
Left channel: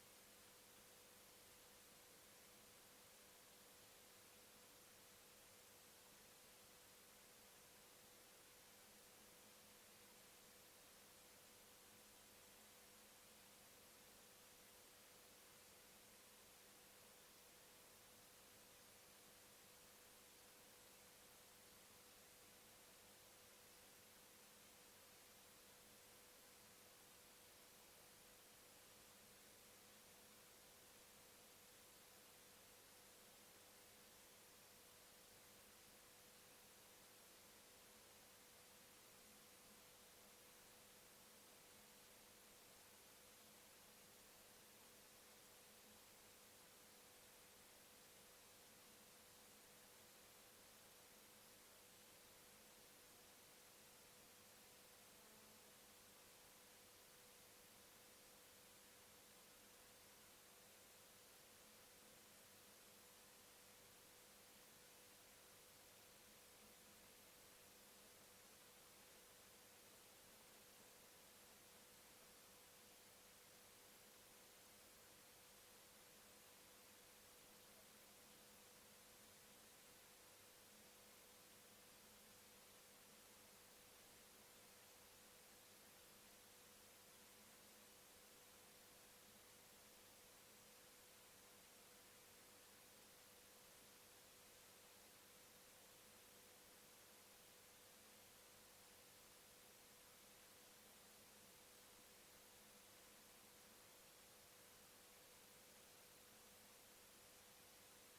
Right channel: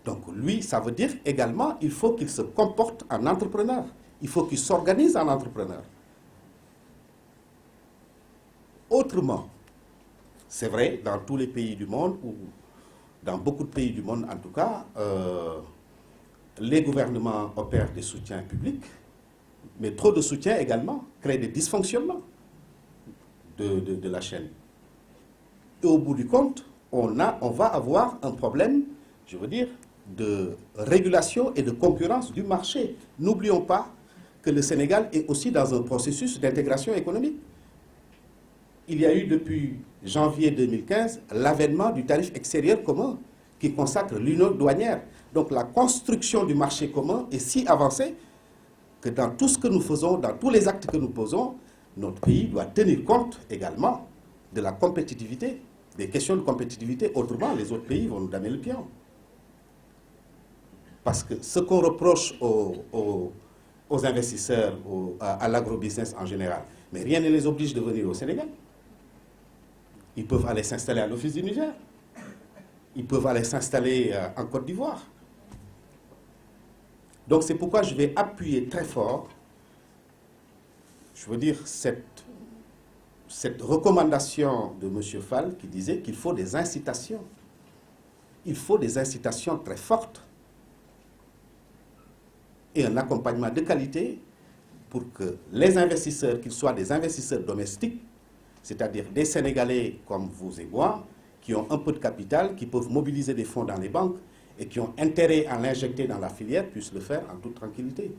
Donc lui, ça veut dire également, il faut qu'il se comporte en entrepreneur. Il faut qu'il s'organise en entrepreneur. Autrement, c'est vrai, dans tous les pays du monde, ou dans beaucoup de pays du monde en tout cas, les gouvernements opèrent des soutiens publics, mais trop de soutien également crée des dysfonctionnements de la chaîne. Et au bout du compte, on va avoir un problème, je veux dire, de régulation et de concurrence du marché. N'oublions pas que le Sénégal est aussi dans un processus d'intégration économique. Il y a eu depuis janvier 2015 l'avènement du tarif extérieur commun qui consacre l'union douanière. Donc la construction du marché commun est si avancée que dans tout ce que nous faisons, dans tous les actes que nous posons, notre pays doit tenir compte également de la compétitivité, des questions de compétitivité. Autrement, les autres pays vont nous damer le pion. Parce que ce qu'on reproche aux investisseurs, à l'agrobusiness en général, mais rien ne les oblige de venir au Sénégal. Ils peuvent aller s'installer à l'Office du Niger. Ils peuvent aller s'installer en Côte d'Ivoire. Donc c'est pourquoi je vais appuyer très fort, je veux dire, cette recommandation de M. Fall qui disait qu'il faut des incitations. Il faut des incitations très fortes et un accompagnement de qualité pour que les investisseurs, qu'ils soient des investisseurs domestiques, c'est-à-dire des Sénégalais comme vous et moi, qui ont un peu de capital, qui peuvent mobiliser des fonds dans les banques et qui ont intérêt à l'injecter dans la filière, puissent le faire en toute tranquillité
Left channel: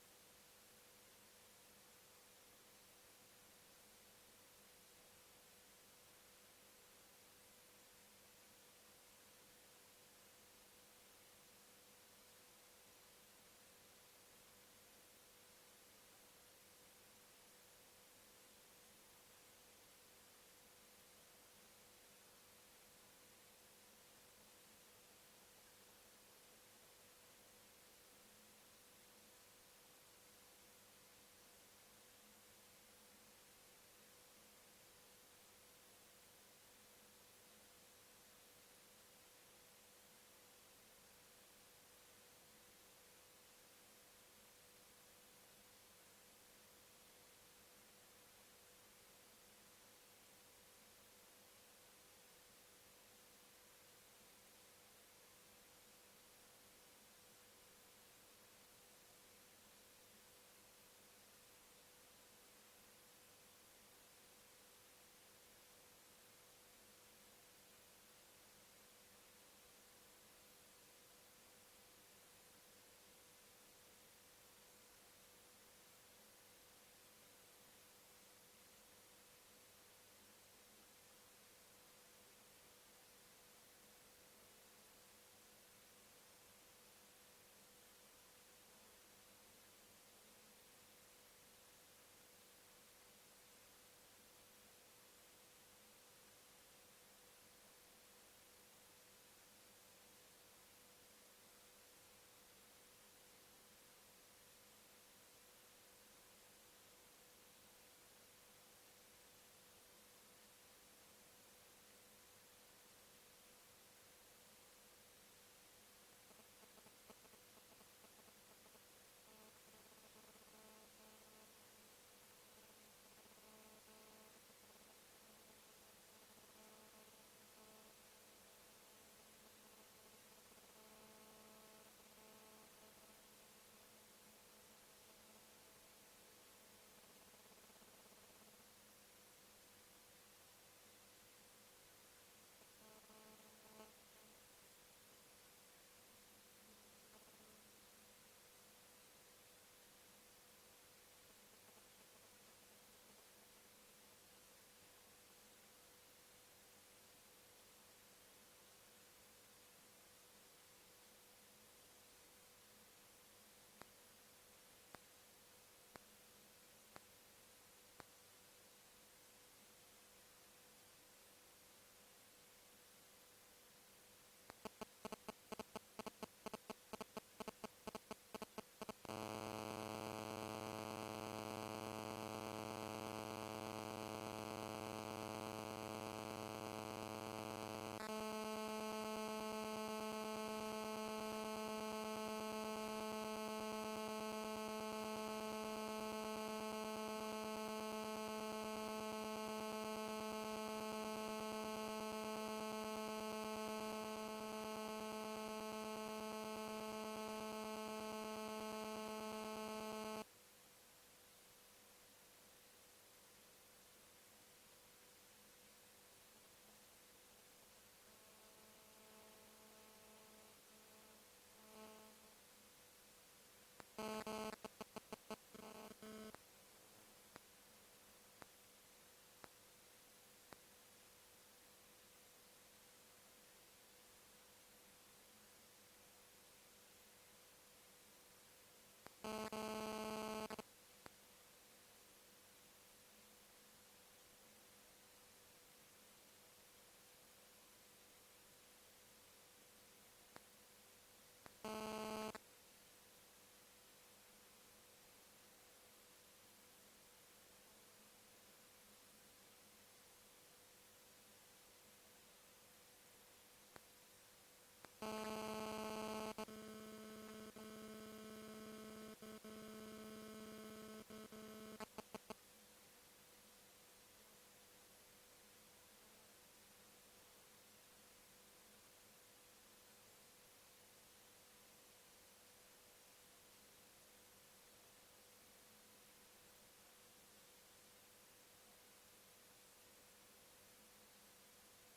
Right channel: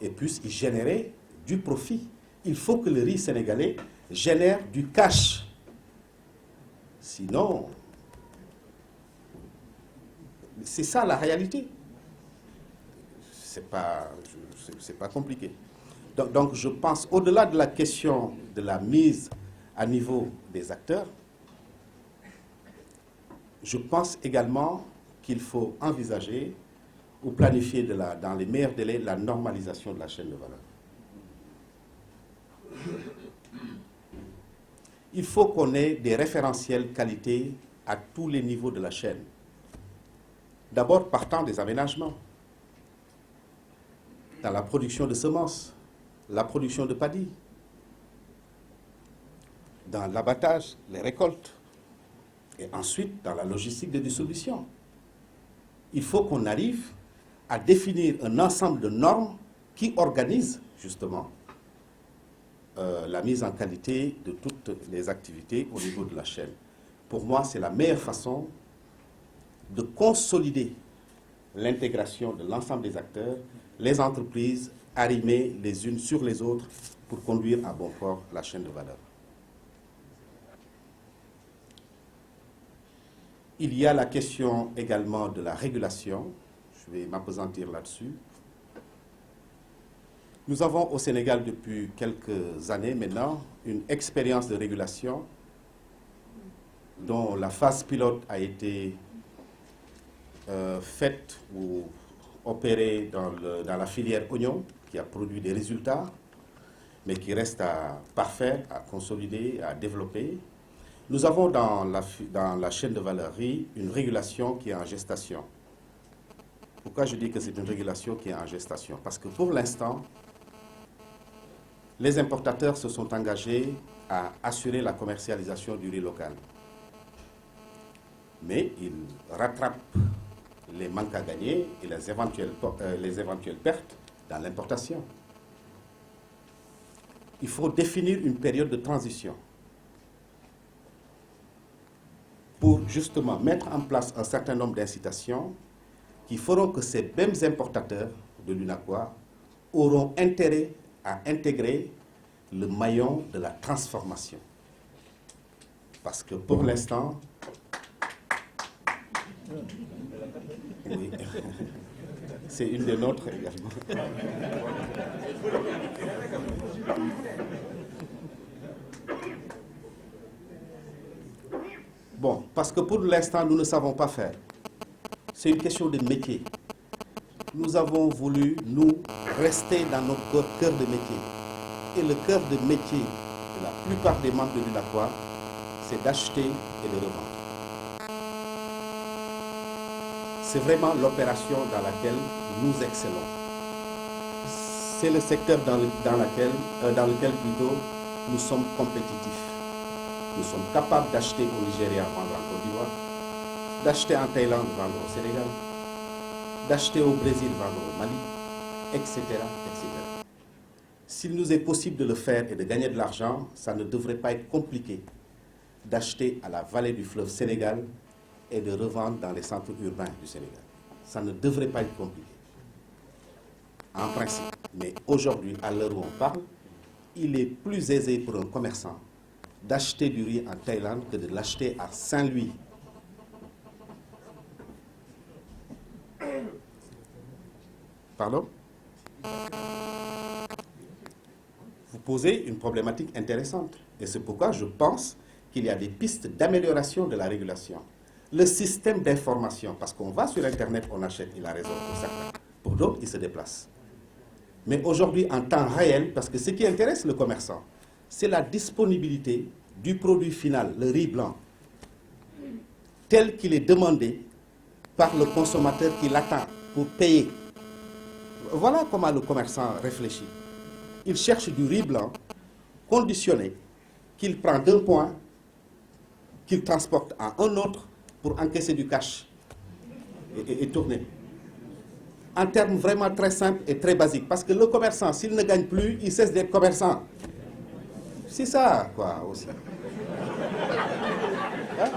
et puissent y générer du profit. Il faut que le riz sénégalais génère du cash. Sinon, c'est ça la réalité. C'est pas compliqué. Donc je pense, au-delà de la question de la mise à niveau des acteurs, je pense également qu'il faut envisager ou planifier dans les meilleurs délais la normalisation de la chaîne de valeur. Il faut qu'on ait des référentiels qualité à tous les niveaux de la chaîne. D'abord partant des aménagements, dans la production de semences, la production de paddy, dans l'abattage, les récoltes, et ensuite dans la logistique de distribution. Il faut qu'on arrive à définir un ensemble de normes qui organisent justement la mise en qualité de toutes les activités au niveau de la chaîne. Pour moi, c'est la meilleure façon de consolider l'intégration de l'ensemble des acteurs, les entreprises arrimées les unes sur les autres pour conduire à bon port la chaîne de valeur. Il y a la question également de la régulation. Je vais m'appesantir là-dessus. Nous avons au Sénégal depuis quelques années maintenant une expérience de régulation dont la phase pilote a été faite ou opérée dans la filière oignon qui a produit des résultats, mais qui reste à parfaire, à consolider, à développer. Nous avons dans la chaîne de valeur riz une régulation qui est en gestation. Pourquoi je dis que c'est une régulation qui est en gestation? Parce que pour l'instant, les importateurs se sont engagés à assurer la commercialisation du riz local. Mais ils rattrapent les manques à gagner et les éventuelles pertes dans l'importation. Il faut définir une période de transition pour justement mettre en place un certain nombre d'incitations qui feront que ces mêmes importateurs de l'UNACOIS auront intérêt à intégrer le maillon de la transformation. Parce que pour l'instant, oui, c'est une des nôtres également. Bon, parce que pour l'instant, nous ne savons pas faire. C'est une question de métier. Nous avons voulu, nous, rester dans notre cœur de métier. Et le cœur de métier de la plupart des membres de l'UNACOIS, c'est d'acheter et de revendre. C'est vraiment l'opération dans laquelle nous excellons. C'est le secteur dans lequel plutôt nous sommes compétitifs. Nous sommes capables d'acheter au Nigeria, vendre en Côte d'Ivoire, d'acheter en Thaïlande, vendre au Sénégal, d'acheter au Brésil, vendre au Mali, etc., etc. S'il nous est possible de le faire et de gagner de l'argent, ça ne devrait pas être compliqué d'acheter à la vallée du fleuve Sénégal et de revendre dans les centres urbains du Sénégal. Ça ne devrait pas être compliqué, en principe. Mais aujourd'hui, à l'heure où on parle, il est plus aisé pour un commerçant d'acheter du riz en Thaïlande que de l'acheter à Saint-Louis. Pardon? Vous posez une problématique intéressante. Et c'est pourquoi je pense qu'il y a des pistes d'amélioration de la régulation. Le système d'information, parce qu'on va sur Internet, on achète, il a raison pour certains. Pour d'autres, il se déplace. Mais aujourd'hui, en temps réel, parce que ce qui intéresse le commerçant, c'est la disponibilité du produit final, le riz blanc, tel qu'il est demandé par le consommateur qui l'attend pour payer. Voilà comment le commerçant réfléchit. Il cherche du riz blanc conditionné, qu'il prend d'un point, qu'il transporte à un autre pour encaisser du cash et tourner. En termes vraiment très simples et très basiques. Parce que le commerçant, s'il ne gagne plus, il cesse d'être commerçant. C'est ça, quoi, aussi. Hein?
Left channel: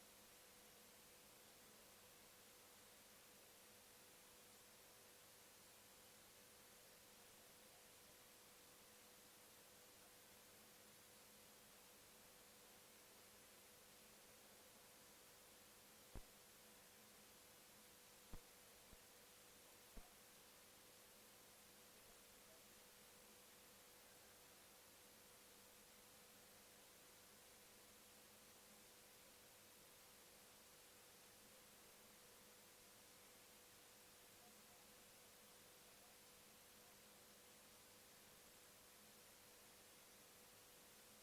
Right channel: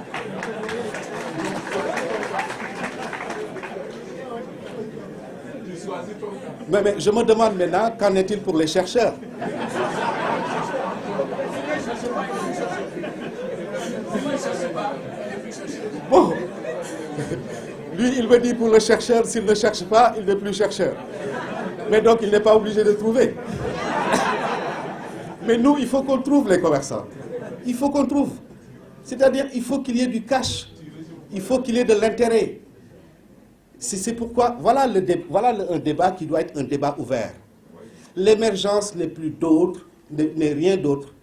Mais je me demande maintenant, qu'en est-il pour les chercheurs? Bon, lui, il me dit pour le chercheur, s'il ne cherche pas, il n'est plus chercheur. Mais donc, il n'est pas obligé de trouver. Mais nous, il faut qu'on trouve les commerçants. Il faut qu'on trouve. C'est-à-dire, il faut qu'il y ait du cash. Il faut qu'il y ait de l'intérêt. C'est pourquoi, voilà un débat qui doit être un débat ouvert. L'émergence n'est rien d'autre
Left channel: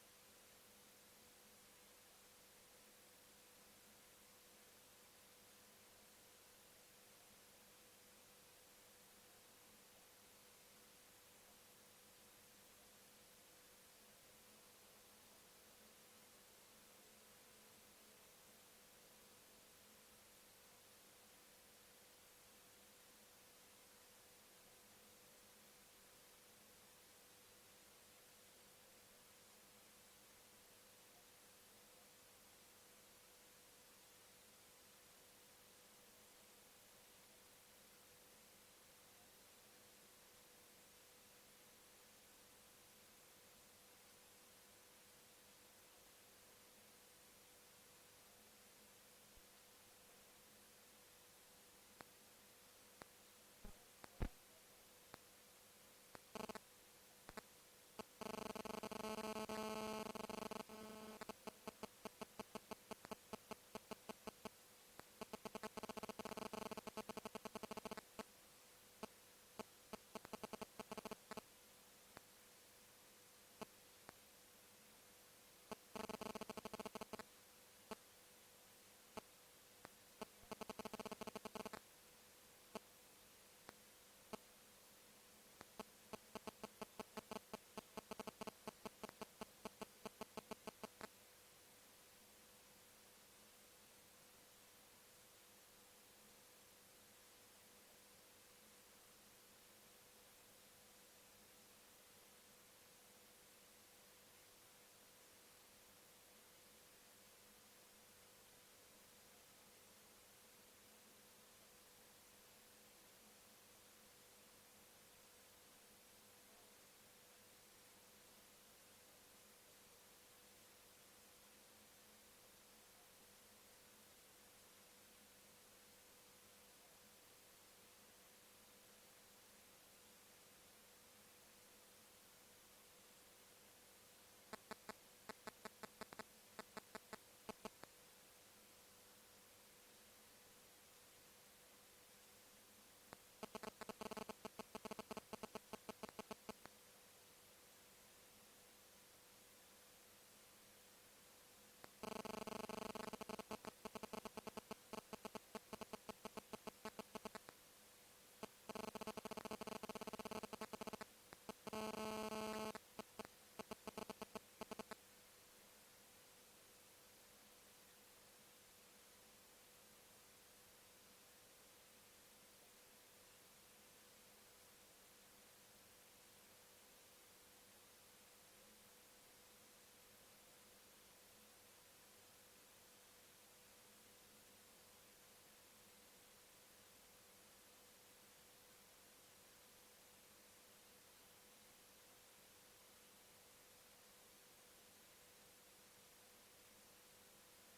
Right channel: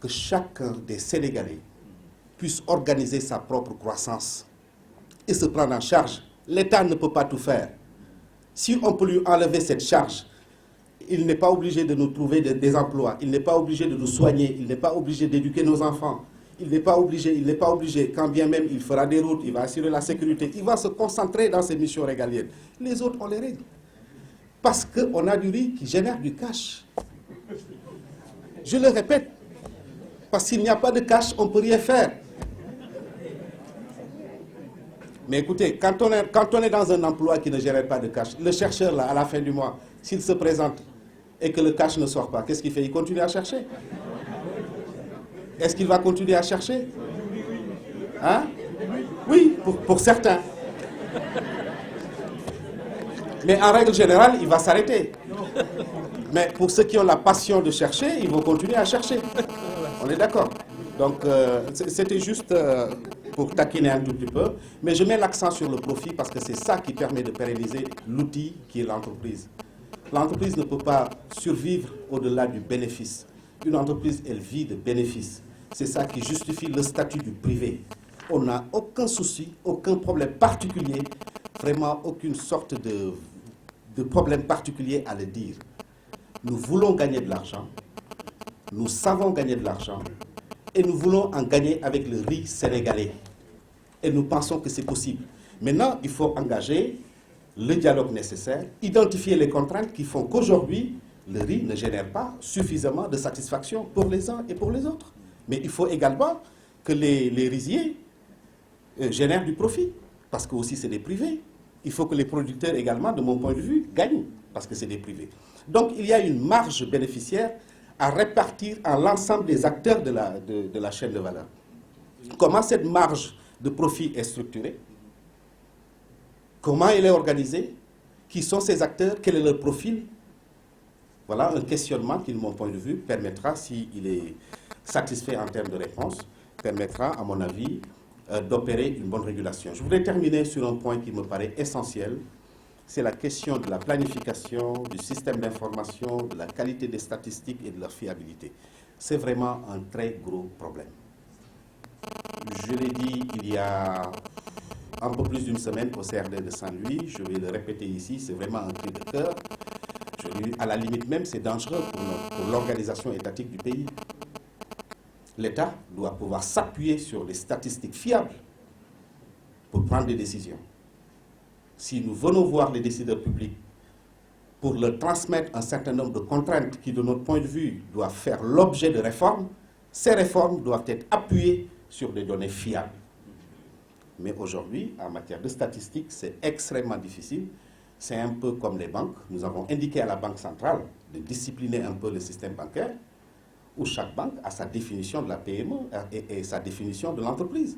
que chacun des Sénégalais puisse organiser sa propre croissance et se prendre en charge. L'État ne peut pas tout faire. Si on peut lui enlever cette charge, il n'est pas obligé de nous trouver des emplois, il n'est pas obligé de nous soigner, il n'est pas obligé d'éduquer nos enfants, il n'est pas obligé, quand bien même il fera des routes, il va assurer la sécurité, il va se concentrer dans ses missions régaliennes. Les autres, on les règle. Parce qu'on a du riz qui génère du cash. Je le répète, parce qu'il n'y a pas de cash, on ne peut rien faire. Mais écoutez, quand on est dans un emploi qui ne génère pas de cash, le chercheur, là, à la fin du mois, s'il se présente et que le cash ne sort pas, qu'est-ce qu'il fait? Il continue à chercher. Est-ce qu'il va continuer à chercher? Hein? Oui, pour certains. Mais en règle générale, il va s'arrêter. Mais pour ceux qui ont la passion de chercher, ils vont continuer à chercher. On est d'accord? Donc, c'était juste pour taquiner un tout petit peu. Mais je mets l'accent sur le profit parce que c'est ça qui permet de pérenniser l'outil qui est l'entreprise. L'entreprise ne peut pas survivre au-delà du bénéfice. Une entreprise, elle vit de bénéfices. C'est ça qui justifie le statut du privé. On n'a aucun souci, aucun problème particulier vraiment aucune sorte de problème particulier à le dire. Nous voulons gagner de l'argent, nous savons gagner de l'argent, et nous voulons en gagner avec le riz sénégalais. Et nous pensons que c'est possible. Maintenant, il faut engager le dialogue nécessaire, identifier les contraintes qui font qu'aujourd'hui, le riz ne génère pas suffisamment de satisfaction pour les uns et pour les autres. Mais il faut également que les riziers génèrent du profit, parce que aussi c'est des privés. Il faut que les producteurs également, de mon point de vue, gagnent, parce que c'est des privés. Donc il y a une marge bénéficiaire à répartir à l'ensemble des acteurs de la chaîne de valeur. Comment cette marge de profit est structurée? Comment elle est organisée? Qui sont ces acteurs? Quel est leur profil? Voilà un questionnement qui, de mon point de vue, permettra, s'il est satisfait en termes de réponse, permettra, à mon avis, d'opérer une bonne régulation. Je voudrais terminer sur un point qui me paraît essentiel, c'est la question de la planification, du système d'information, de la qualité des statistiques et de leur fiabilité. C'est vraiment un très gros problème. Je l'ai dit il y a un peu plus d'une semaine au CRD de Saint-Louis, je vais le répéter ici, c'est vraiment un cri de cœur. À la limite même, c'est dangereux pour l'organisation étatique du pays. L'État doit pouvoir s'appuyer sur des statistiques fiables pour prendre des décisions. Si nous venons voir les décideurs publics pour leur transmettre un certain nombre de contraintes qui, de notre point de vue, doivent faire l'objet de réformes, ces réformes doivent être appuyées sur des données fiables. Mais aujourd'hui, en matière de statistiques, c'est extrêmement difficile. C'est un peu comme les banques. Nous avons indiqué à la Banque centrale de discipliner un peu le système bancaire, où chaque banque a sa définition de la PME et sa définition de l'entreprise.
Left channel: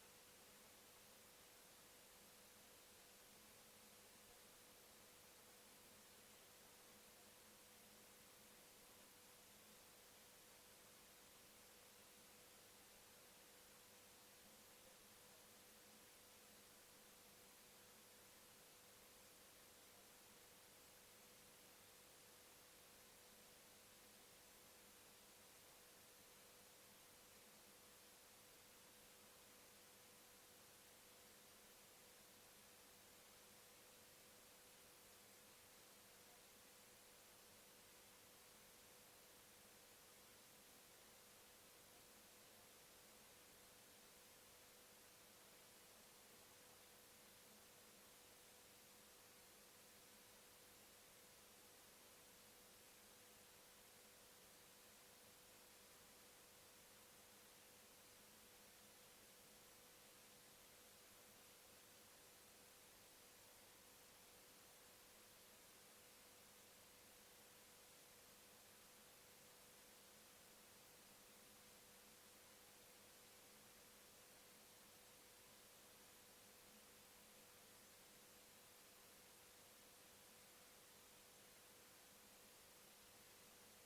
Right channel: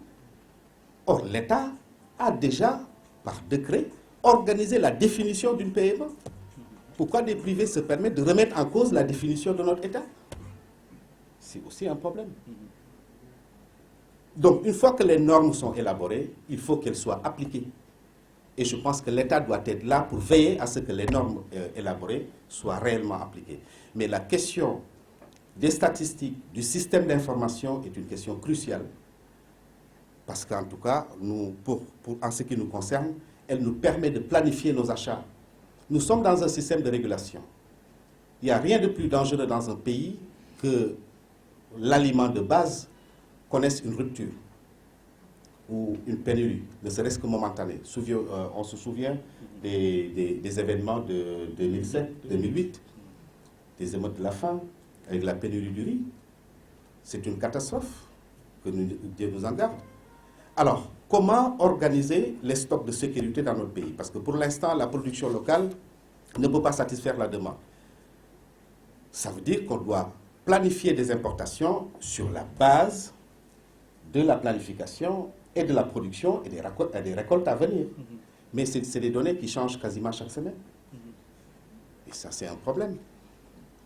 Or, l'État a déjà, par décret, organisé la définition d'une PME. Pourquoi des privés se permettent de remettre en cause la définition de notre État? C'est aussi un problème. Donc, une fois que les normes sont élaborées, il faut qu'elles soient appliquées. Et je pense que l'État doit être là pour veiller à ce que les normes élaborées soient réellement appliquées. Mais la question des statistiques, du système d'information est une question cruciale. Parce qu'en tout cas, en ce qui nous concerne, elle nous permet de planifier nos achats. Nous sommes dans un système de régulation. Il n'y a rien de plus dangereux dans un pays que l'aliment de base connaisse une rupture ou une pénurie, ne serait-ce que momentanée. On se souvient des événements de 2007, 2008, des émeutes de la faim, avec la pénurie du riz. C'est une catastrophe, que Dieu nous en garde. Alors, comment organiser les stocks de sécurité dans notre pays? Parce que pour l'instant, la production locale ne peut pas satisfaire la demande. Ça veut dire qu'on doit planifier des importations sur la base de la planification et de la production et des récoltes à venir. Mais c'est des données qui changent quasiment chaque semaine. Et ça, c'est un problème.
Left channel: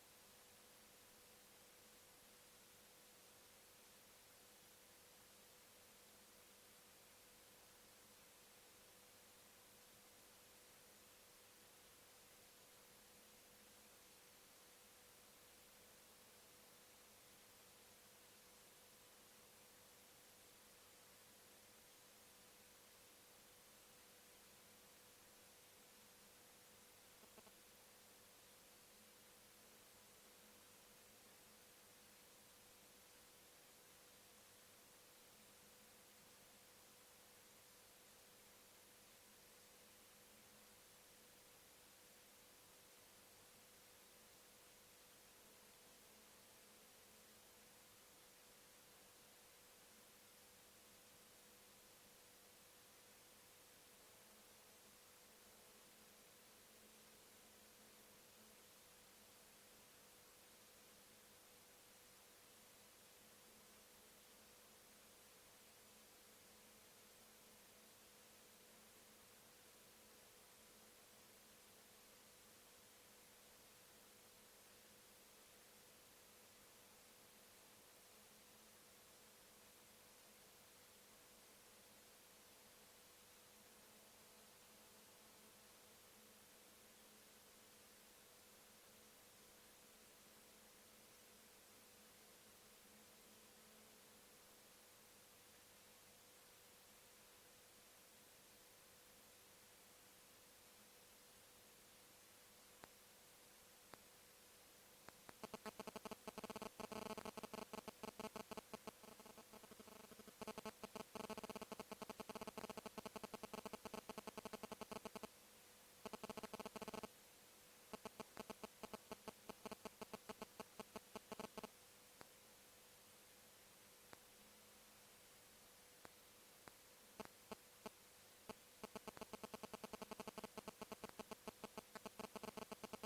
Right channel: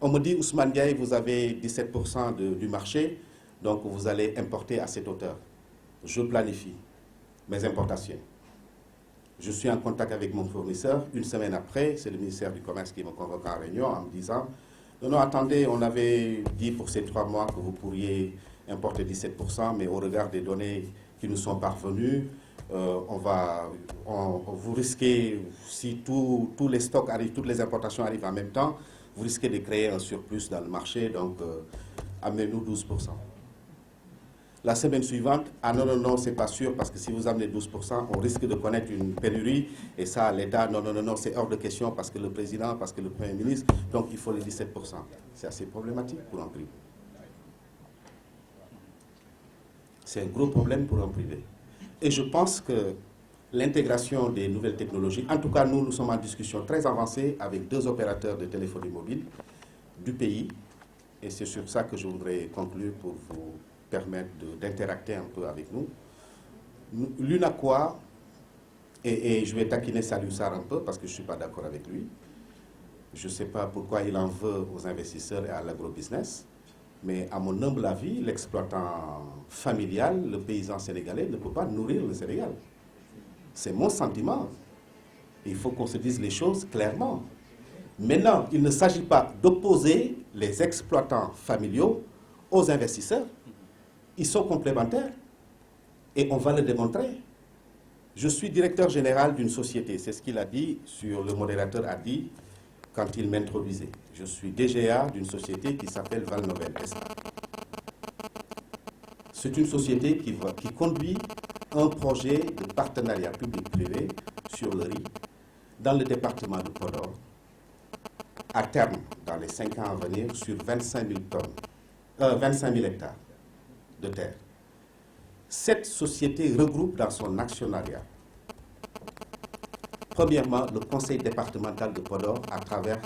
On me dit, Ousmane Diaye, vous avez 17% du marché, donc vous allez importer à cette hauteur. Je planifie mes importations. Je suis en contact avec mon fournisseur. Une semaine après, c'est le ministère du Commerce qui me convoque en réunion en me disant, non, attendez, on avait dit pour ces 3 mois que vous pourriez importer 17%, mais au regard des données qui nous sont parvenues, vous risquez, si tous les stocks arrivent, toutes les importations arrivent en même temps, vous risquez de créer un surplus dans le marché, donc amenez-nous 12%. La semaine suivante, ah non, c'est pas sûr, parce que si vous amenez 12%, on risque de connaître une pénurie, et ça, l'État, non, c'est hors de question, parce que le président, parce que le Premier ministre, donc il faut les 17%. C'est assez problématique pour un privé. C'est un gros problème pour un privé. Et je pense que l'intégration des nouvelles technologies, en tout cas, nous sommes en discussion très avancée avec 2 opérateurs de téléphonie mobile du pays, et c'est sur ça que je voudrais conclure pour vous permettre d'interacter un peu avec nous. L'UNACOIS, et je vais taquiner Saliou Sarr un peu parce que je ne suis pas d'accord avec lui. Je ne sais pas pourquoi il en veut aux investisseurs et à l'agrobusiness, mais à mon humble avis, l'exploitant familial, le paysan sénégalais, ne peut pas nourrir le Sénégal. C'est mon sentiment. Il faut qu'on se dise les choses clairement. Maintenant, il ne s'agit pas d'opposer les exploitants familiaux aux investisseurs. Ils sont complémentaires et on va le démontrer. Je suis directeur général d'une société, c'est ce qu'il a dit, le modérateur a dit quand il m'introduisait. Je suis DGA d'une société qui s'appelle Valnovel SA. C'est une société qui conduit un projet de partenariat public-privé sur le riz dans le département de Podor, à terme, dans les 5 ans à venir, sur 25 000 hectares de terre. Cette société regroupe dans son actionnariat, premièrement, le conseil départemental de Podor à travers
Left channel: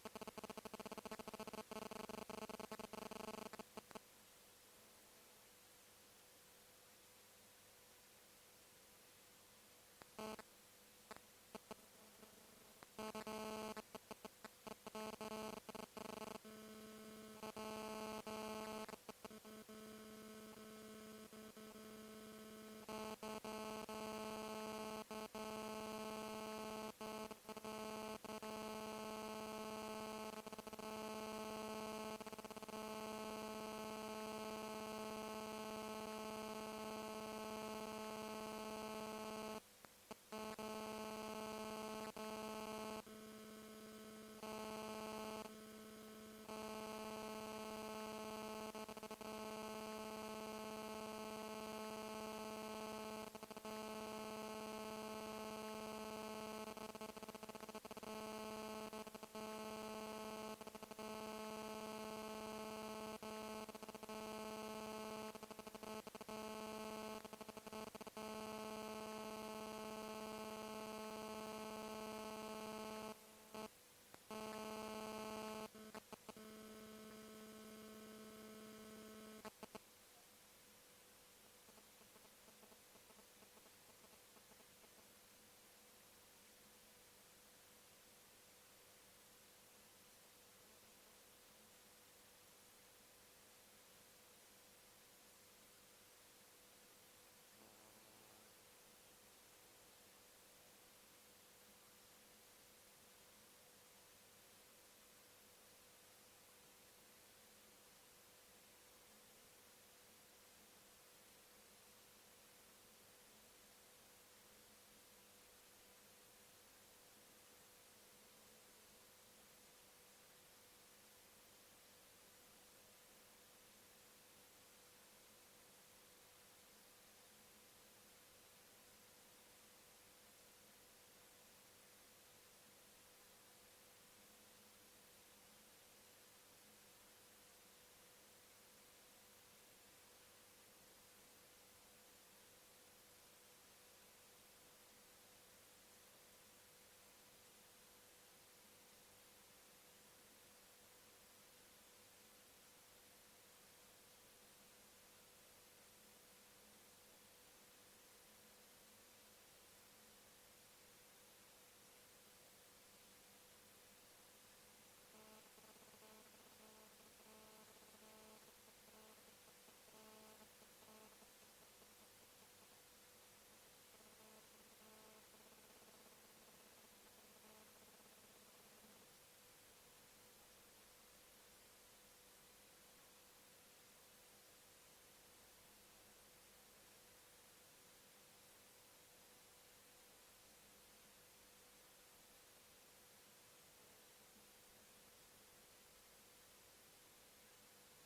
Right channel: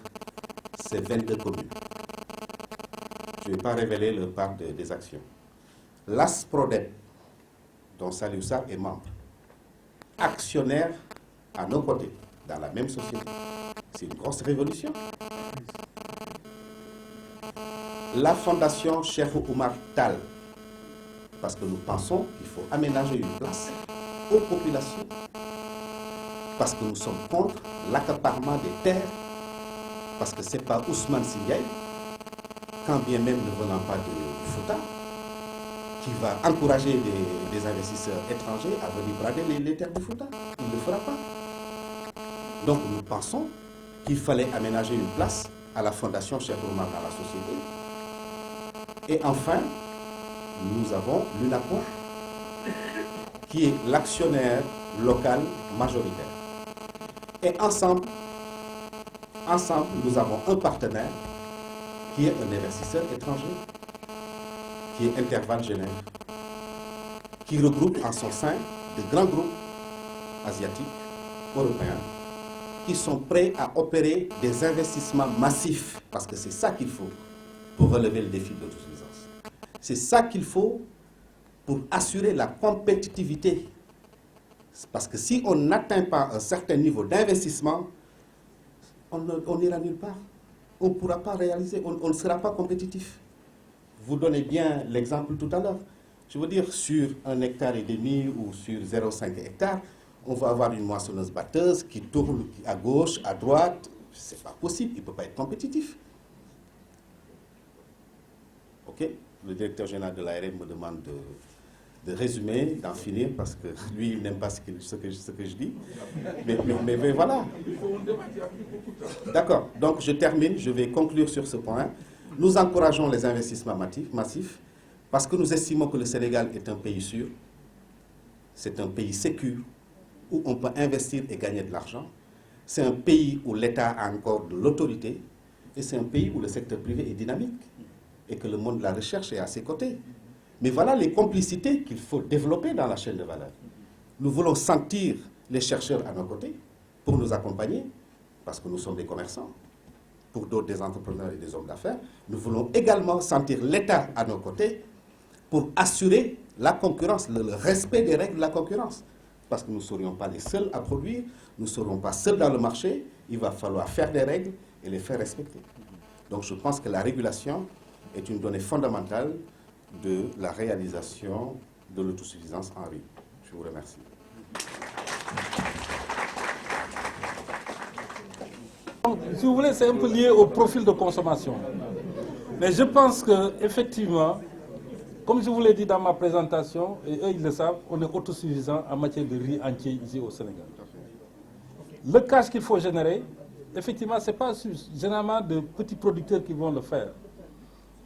ses 22 communes. Je ne vais pas révéler le part des actions. L'ASPRODEP, dont Saliou Sarr est membre, actionnaire à nos côtés, dans la même société. C'est une grosse révolution. La fondation Cheikh Oumar Tall, parce que nous pensons qu'il faut aménager une place aux populations, parce que nous sommes contre l'accaparement des terres, parce que ce n'est pas Ousmane Sindiaye, quand bien même ne venant pas de Fouta, qui va encourager des investisseurs étrangers à venir brader les terres de Fouta. Il ne le fera pas. Donc nous pensons qu'il fallait aménager une place à la fondation Cheikh Oumar dans la société. Et enfin, nous avons l'UNACOR, qui est l'actionnaire local majoritaire. Et ensemble, nous avons un partenaire qui est un investisseur étranger, qui est Interval Genève, qui regroupe en son sein de grands groupes asiatiques, européens, qui sont prêts à opérer des investissements massifs, parce que c'est ça qu'il faut pour relever le défi de l'autosuffisance. C'est ça qu'il faut pour assurer la compétitivité. Parce que si on n'atteint pas un certain niveau d'investissement, on n'ira nulle part. On ne pourra pas réaliser, on ne sera pas compétitif. Vous donnez bien l'exemple tout à l'heure. Je veux dire, sur 1,5 hectare ou sur 0,5 hectare, on va avoir une moissonneuse-batteuse qui tourne à gauche, à droite. Ce n'est pas possible, il ne peut pas être compétitif. OK? Le directeur général de l'ARM me demande de résumer, d'en finir, parce que lui, il n'aime pas ce que je dis. Mais voilà. D'accord. Donc, je termine, je vais conclure sur ce point. Nous encourageons les investissements massifs parce que nous estimons que le Sénégal est un pays sûr, c'est un pays sécure, où on peut investir et gagner de l'argent. C'est un pays où l'État a encore de l'autorité et c'est un pays où le secteur privé est dynamique et que le monde de la recherche est à ses côtés. Mais voilà les complicités qu'il faut développer dans la chaîne de valeur. Nous voulons sentir les chercheurs à nos côtés pour nous accompagner, parce que nous sommes des commerçants, pour d'autres des entrepreneurs et des hommes d'affaires. Nous voulons également sentir l'État à nos côtés pour assurer la concurrence, le respect des règles de la concurrence. Parce que nous ne serions pas les seuls à produire, nous ne serons pas seuls dans le marché, il va falloir faire des règles et les faire respecter. Donc je pense que la régulation est une donnée fondamentale de la réalisation de l'autosuffisance en riz. Je vous remercie. Si vous voulez, c'est un peu lié au profil de consommation. Mais je pense qu'effectivement, comme je vous l'ai dit dans ma présentation, et eux ils le savent, on est autosuffisant en matière de riz entier ici au Sénégal. Le cash qu'il faut générer, effectivement, ce n'est pas généralement de petits producteurs qui vont le faire.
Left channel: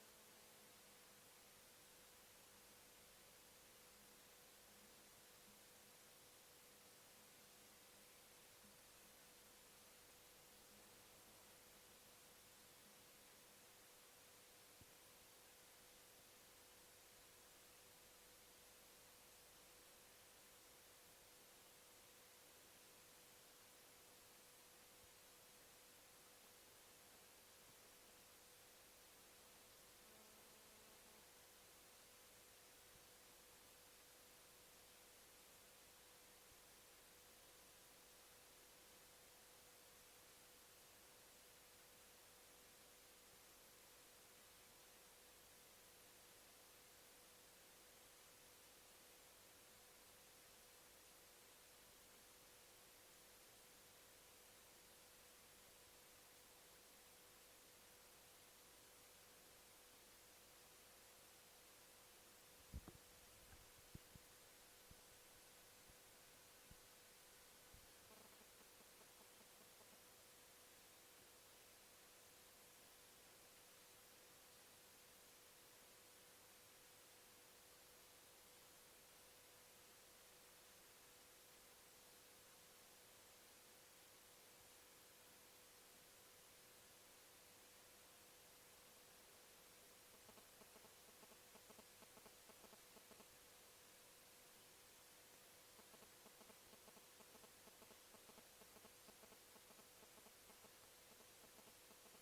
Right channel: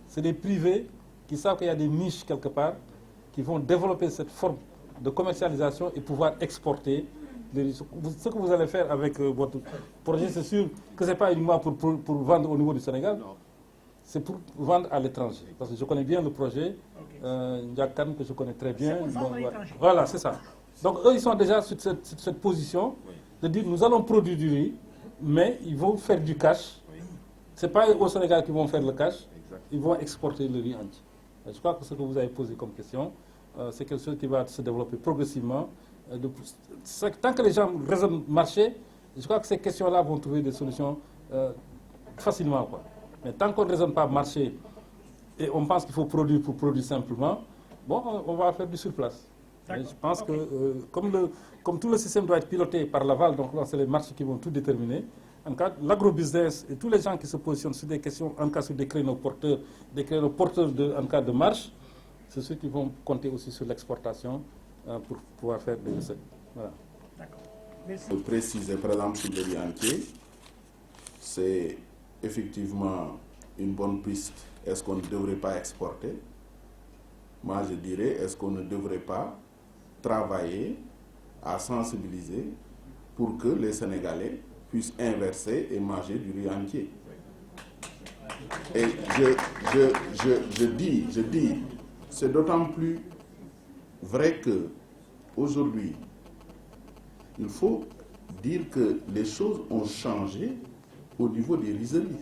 C'est des privés qui savent qu'il y a des niches quelque part, qui vont développer cette forme de commercialisation et pouvoir exporter. Ce que vous allez faire avec votre projet, c'est sûr que ce n'est pas uniquement pour vendre au niveau du Sénégal, c'est pour vendre à l'étranger. Parce que je connais bien le projet, Ndiakan, que je connais très bien. Donc, voilà, c'est ça. Donc eux, ils sont déjà sur cette position de dire nous allons produire du riz, mais ils vont faire du cash. Ce n'est pas au Sénégal qu'ils vont faire le cash, ils vont exporter le riz entier. Je crois que ce que vous avez posé comme question, c'est quelque chose qui va se développer progressivement. Tant que les gens raisonnent marché, je crois que ces questions-là vont trouver des solutions facilement, quoi. Mais tant qu'on ne raisonne pas marché et on pense qu'il faut produire pour produire simplement, bon, on va faire du surplace. Et je pense que comme tout le système doit être piloté par l'aval, donc là c'est les marchés qui vont tout déterminer. En cas, l'agrobusiness et tous les gens qui se positionnent sur des questions, en cas sur des créneaux porteurs en cas de marche, c'est ceux qui vont compter aussi sur l'exportation pour pouvoir faire des recettes. Voilà. De préciser, par exemple, sur le riz entier, c'est effectivement une bonne piste. Est-ce qu'on ne devrait pas exporter? Moi, je dirais, est-ce qu'on ne devrait pas travailler à sensibiliser pour que les Sénégalais puissent inverser et manger du riz entier? Et je dis, c'est d'autant plus vrai que aujourd'hui, il faut dire que les choses ont changé au niveau des rizeries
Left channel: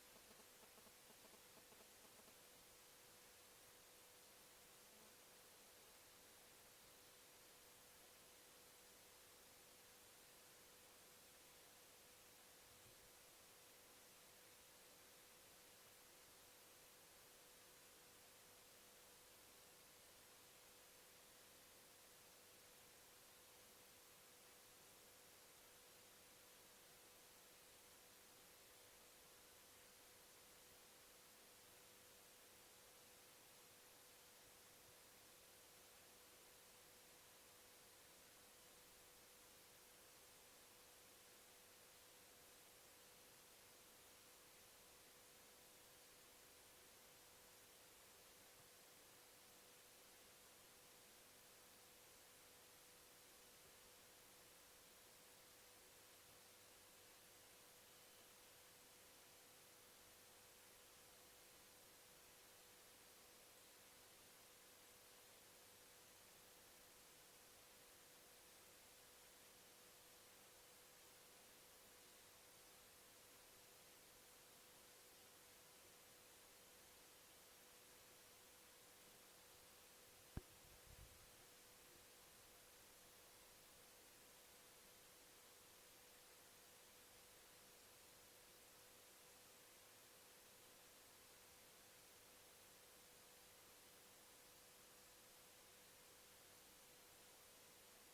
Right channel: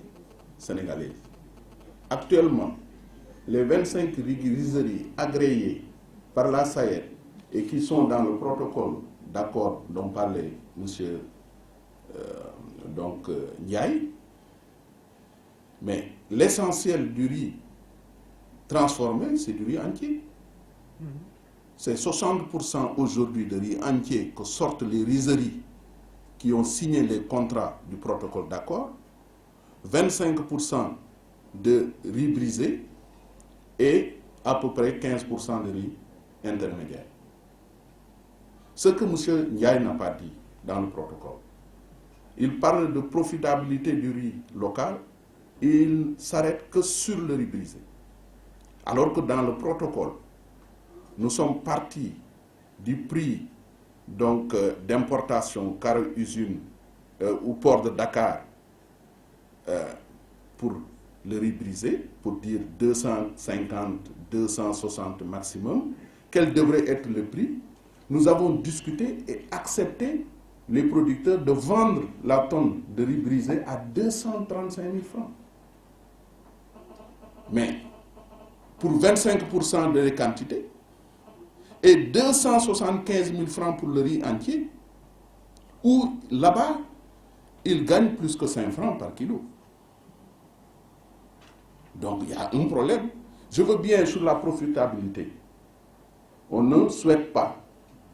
sénégalaises. Actuellement, les 25 rizeries agréées par la SAED et qui sont dans le protocole d'accord dont parlait M. Ndiaye, mais l'essentiel du riz transformé, c'est du riz entier. C'est 60% aujourd'hui de riz entier que sortent les rizeries qui ont signé les contrats du protocole d'accord, 25% de riz brisé et à peu près 15% de riz intermédiaire. Ce que M. Ndiaye n'a pas dit dans le protocole, il parle de profitabilité du riz local et il s'arrête que sur le riz brisé. Alors que dans le protocole, nous sommes partis du prix d'importation car usine au port de Dakar pour le riz brisé, pour dire 250, 260 maximum, quel devrait être le prix. Nous avons discuté et accepté les producteurs de vendre la tonne de riz brisé à 235 000 francs. Mais pour 25% de la quantité et 275 000 francs pour le riz entier, où là-bas, ils gagnent plus que 5 francs par kilo. Donc il y a un problème. Je veux bien sur la profitabilité. On ne souhaite pas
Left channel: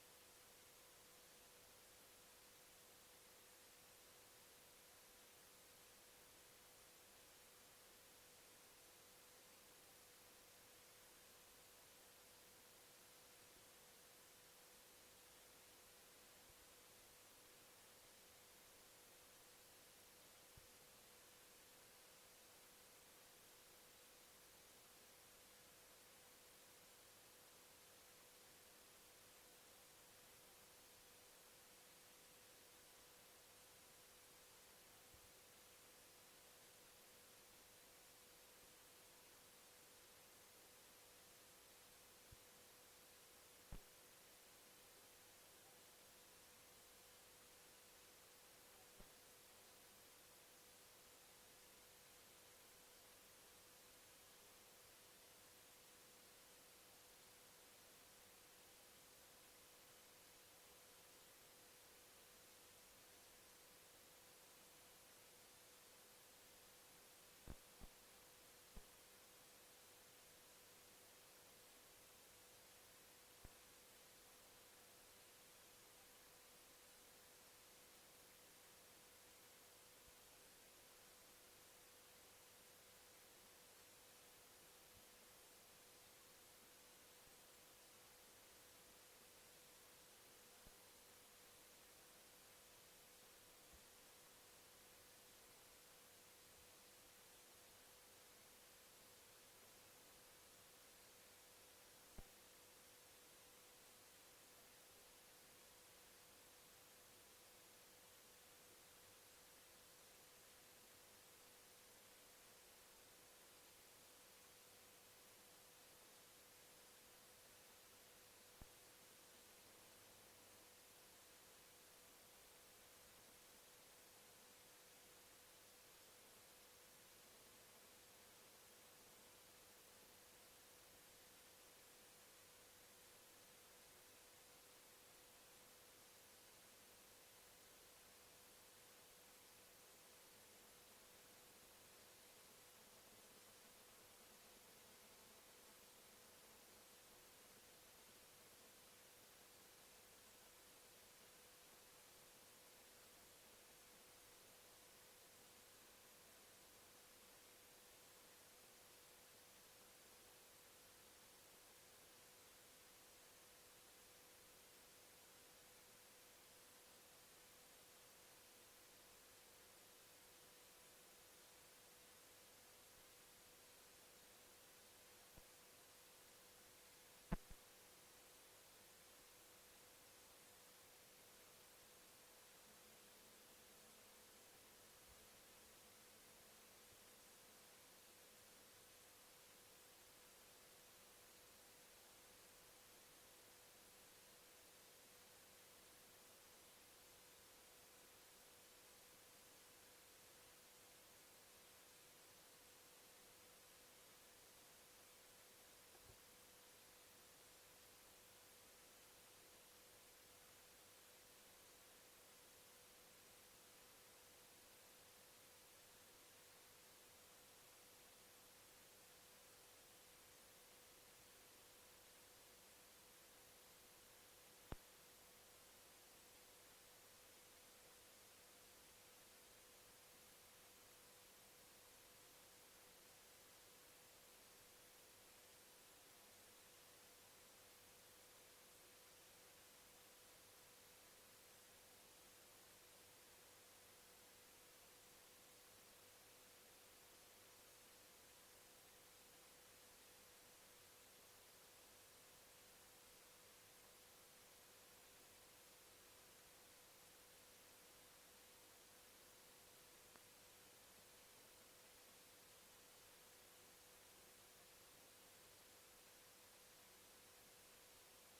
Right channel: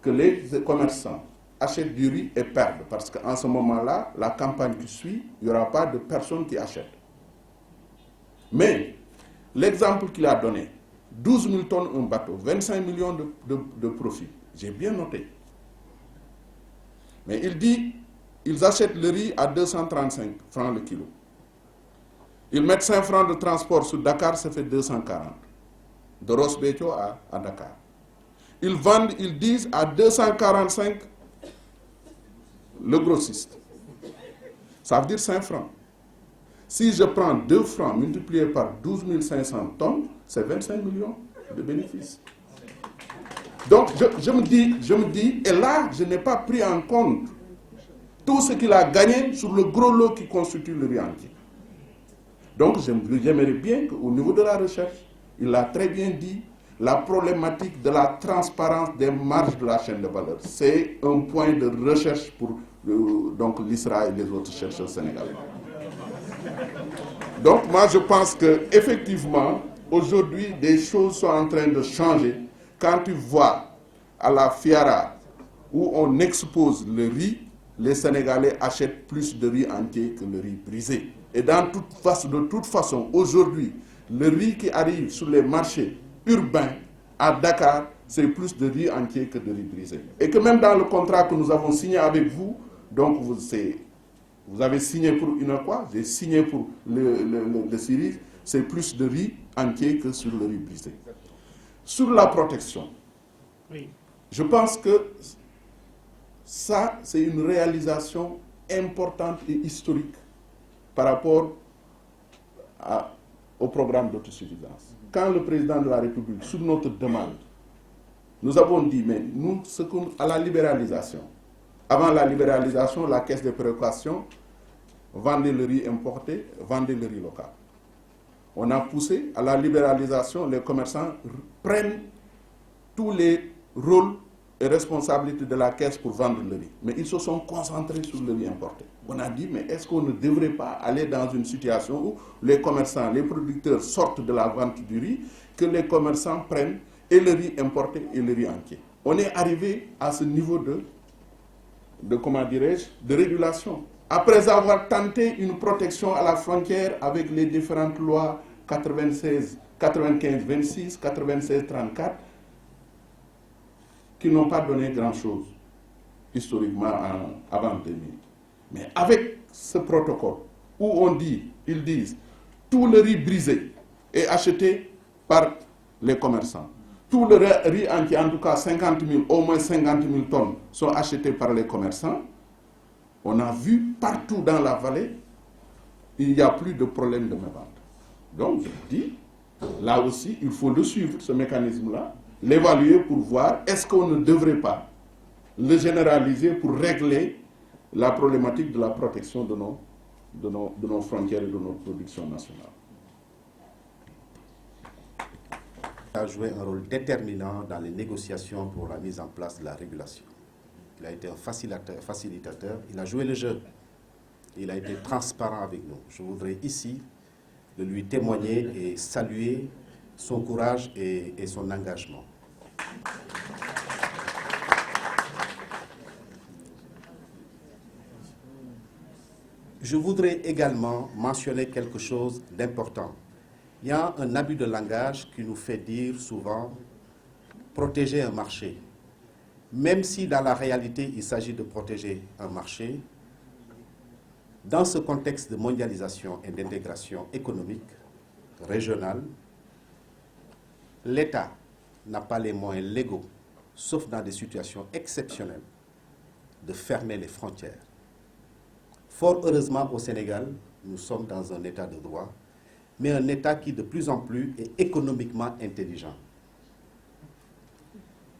que les commerçants achètent du riz et perdent, parce qu'en ce moment-là, la campagne qui suit, il n'y aura pas de personnes qui achètent. Mais l'exemple qu'il a donné, 12 000 tonnes un bateau, 25 millions de profit, j'ai bien noté. Mais il dit, ils achètent le riz à 235 francs le kilo. Ils mettent 5 francs de transport sur Dakar, ça fait 240. De Ross-Béthio à Dakar. Ils vendent, ils disent à 245 le grossiste. Ça veut dire 5 francs. Si je prends 2 francs multiplié par 12 500 tonnes, c'est 25 millions de bénéfices. Donc je me dis, et là, je n'ai pas pris en compte tout ce qu'il a gagné sur le gros lot qui constitue le riz entier. Donc j'aimerais bien qu'au niveau de la recherche, il l'a très bien dit, la problématique de la transparence des marges de la chaîne de valeur, c'est un point de recherche pour l'ISRA et les autres chercheurs sénégalais. Donc moi je pense qu'effectivement, aujourd'hui, des choses sont en train de changer. Quand tu vois à la Fiara où on expose le riz, les Sénégalais achètent plus de riz entier que le riz brisé. Et de toute façon, aujourd'hui, le riz qui arrive sur les marchés urbains à Dakar, c'est plus de riz entier que de riz brisé. Et que même dans le contrat que nous avons signé avec vous, donc vous avez signé pour une quoi? J'ai signé pour le Syrie, c'est plus de riz entier que sur le riz brisé. Sur la protection, oui. Je pense que ça, c'est une réalisation importante et historique par rapport au programme d'autosuffisance. Quand le président de la République, sur notre demande, nous avons dit, mais nous, à la libéralisation, avant la libéralisation, la caisse de précaution vendait le riz importé, vendait le riz local. On a poussé à la libéralisation, les commerçants prennent tous les rôles et responsabilités de la caisse pour vendre le riz. Mais ils se sont concentrés sur le riz importé. On a dit, mais est-ce qu'on ne devrait pas aller dans une situation où les commerçants, les producteurs sortent de la vente du riz, que les commerçants prennent et le riz importé et le riz entier. On est arrivé à ce niveau de régulation. Après avoir tenté une protection à la frontière avec les différentes lois 95-26, 96-34, qui n'ont pas donné grand-chose. historiquement avant 2000. Mais avec ce protocole, où ils disent, tout le riz brisé est acheté par les commerçants. Tout le riz entier, en tout cas 50 000, au moins 50 000 tonnes, sont achetés par les commerçants. On a vu partout dans la vallée, il n'y a plus de problème de mévente. Donc, je dis, là aussi, il faut le suivre, ce mécanisme-là, l'évaluer pour voir est-ce qu'on ne devrait pas le généraliser pour régler la problématique de la protection de nos frontières et de notre production nationale. Il a joué un rôle déterminant dans les négociations pour la mise en place de la régulation. Il a été un facilitateur, il a joué le jeu, il a été transparent avec nous. Je voudrais ici de lui témoigner et saluer son courage et son engagement. Je voudrais également mentionner quelque chose d'important. Il y a un abus de langage qui nous fait dire souvent protéger un marché. Même si dans la réalité il s'agit de protéger un marché, dans ce contexte de mondialisation et d'intégration économique régionale, l'État n'a pas les moyens légaux, sauf dans des situations exceptionnelles, de fermer les frontières. Fort heureusement au Sénégal, nous sommes dans un état de droit, mais un état qui de plus en plus est économiquement intelligent.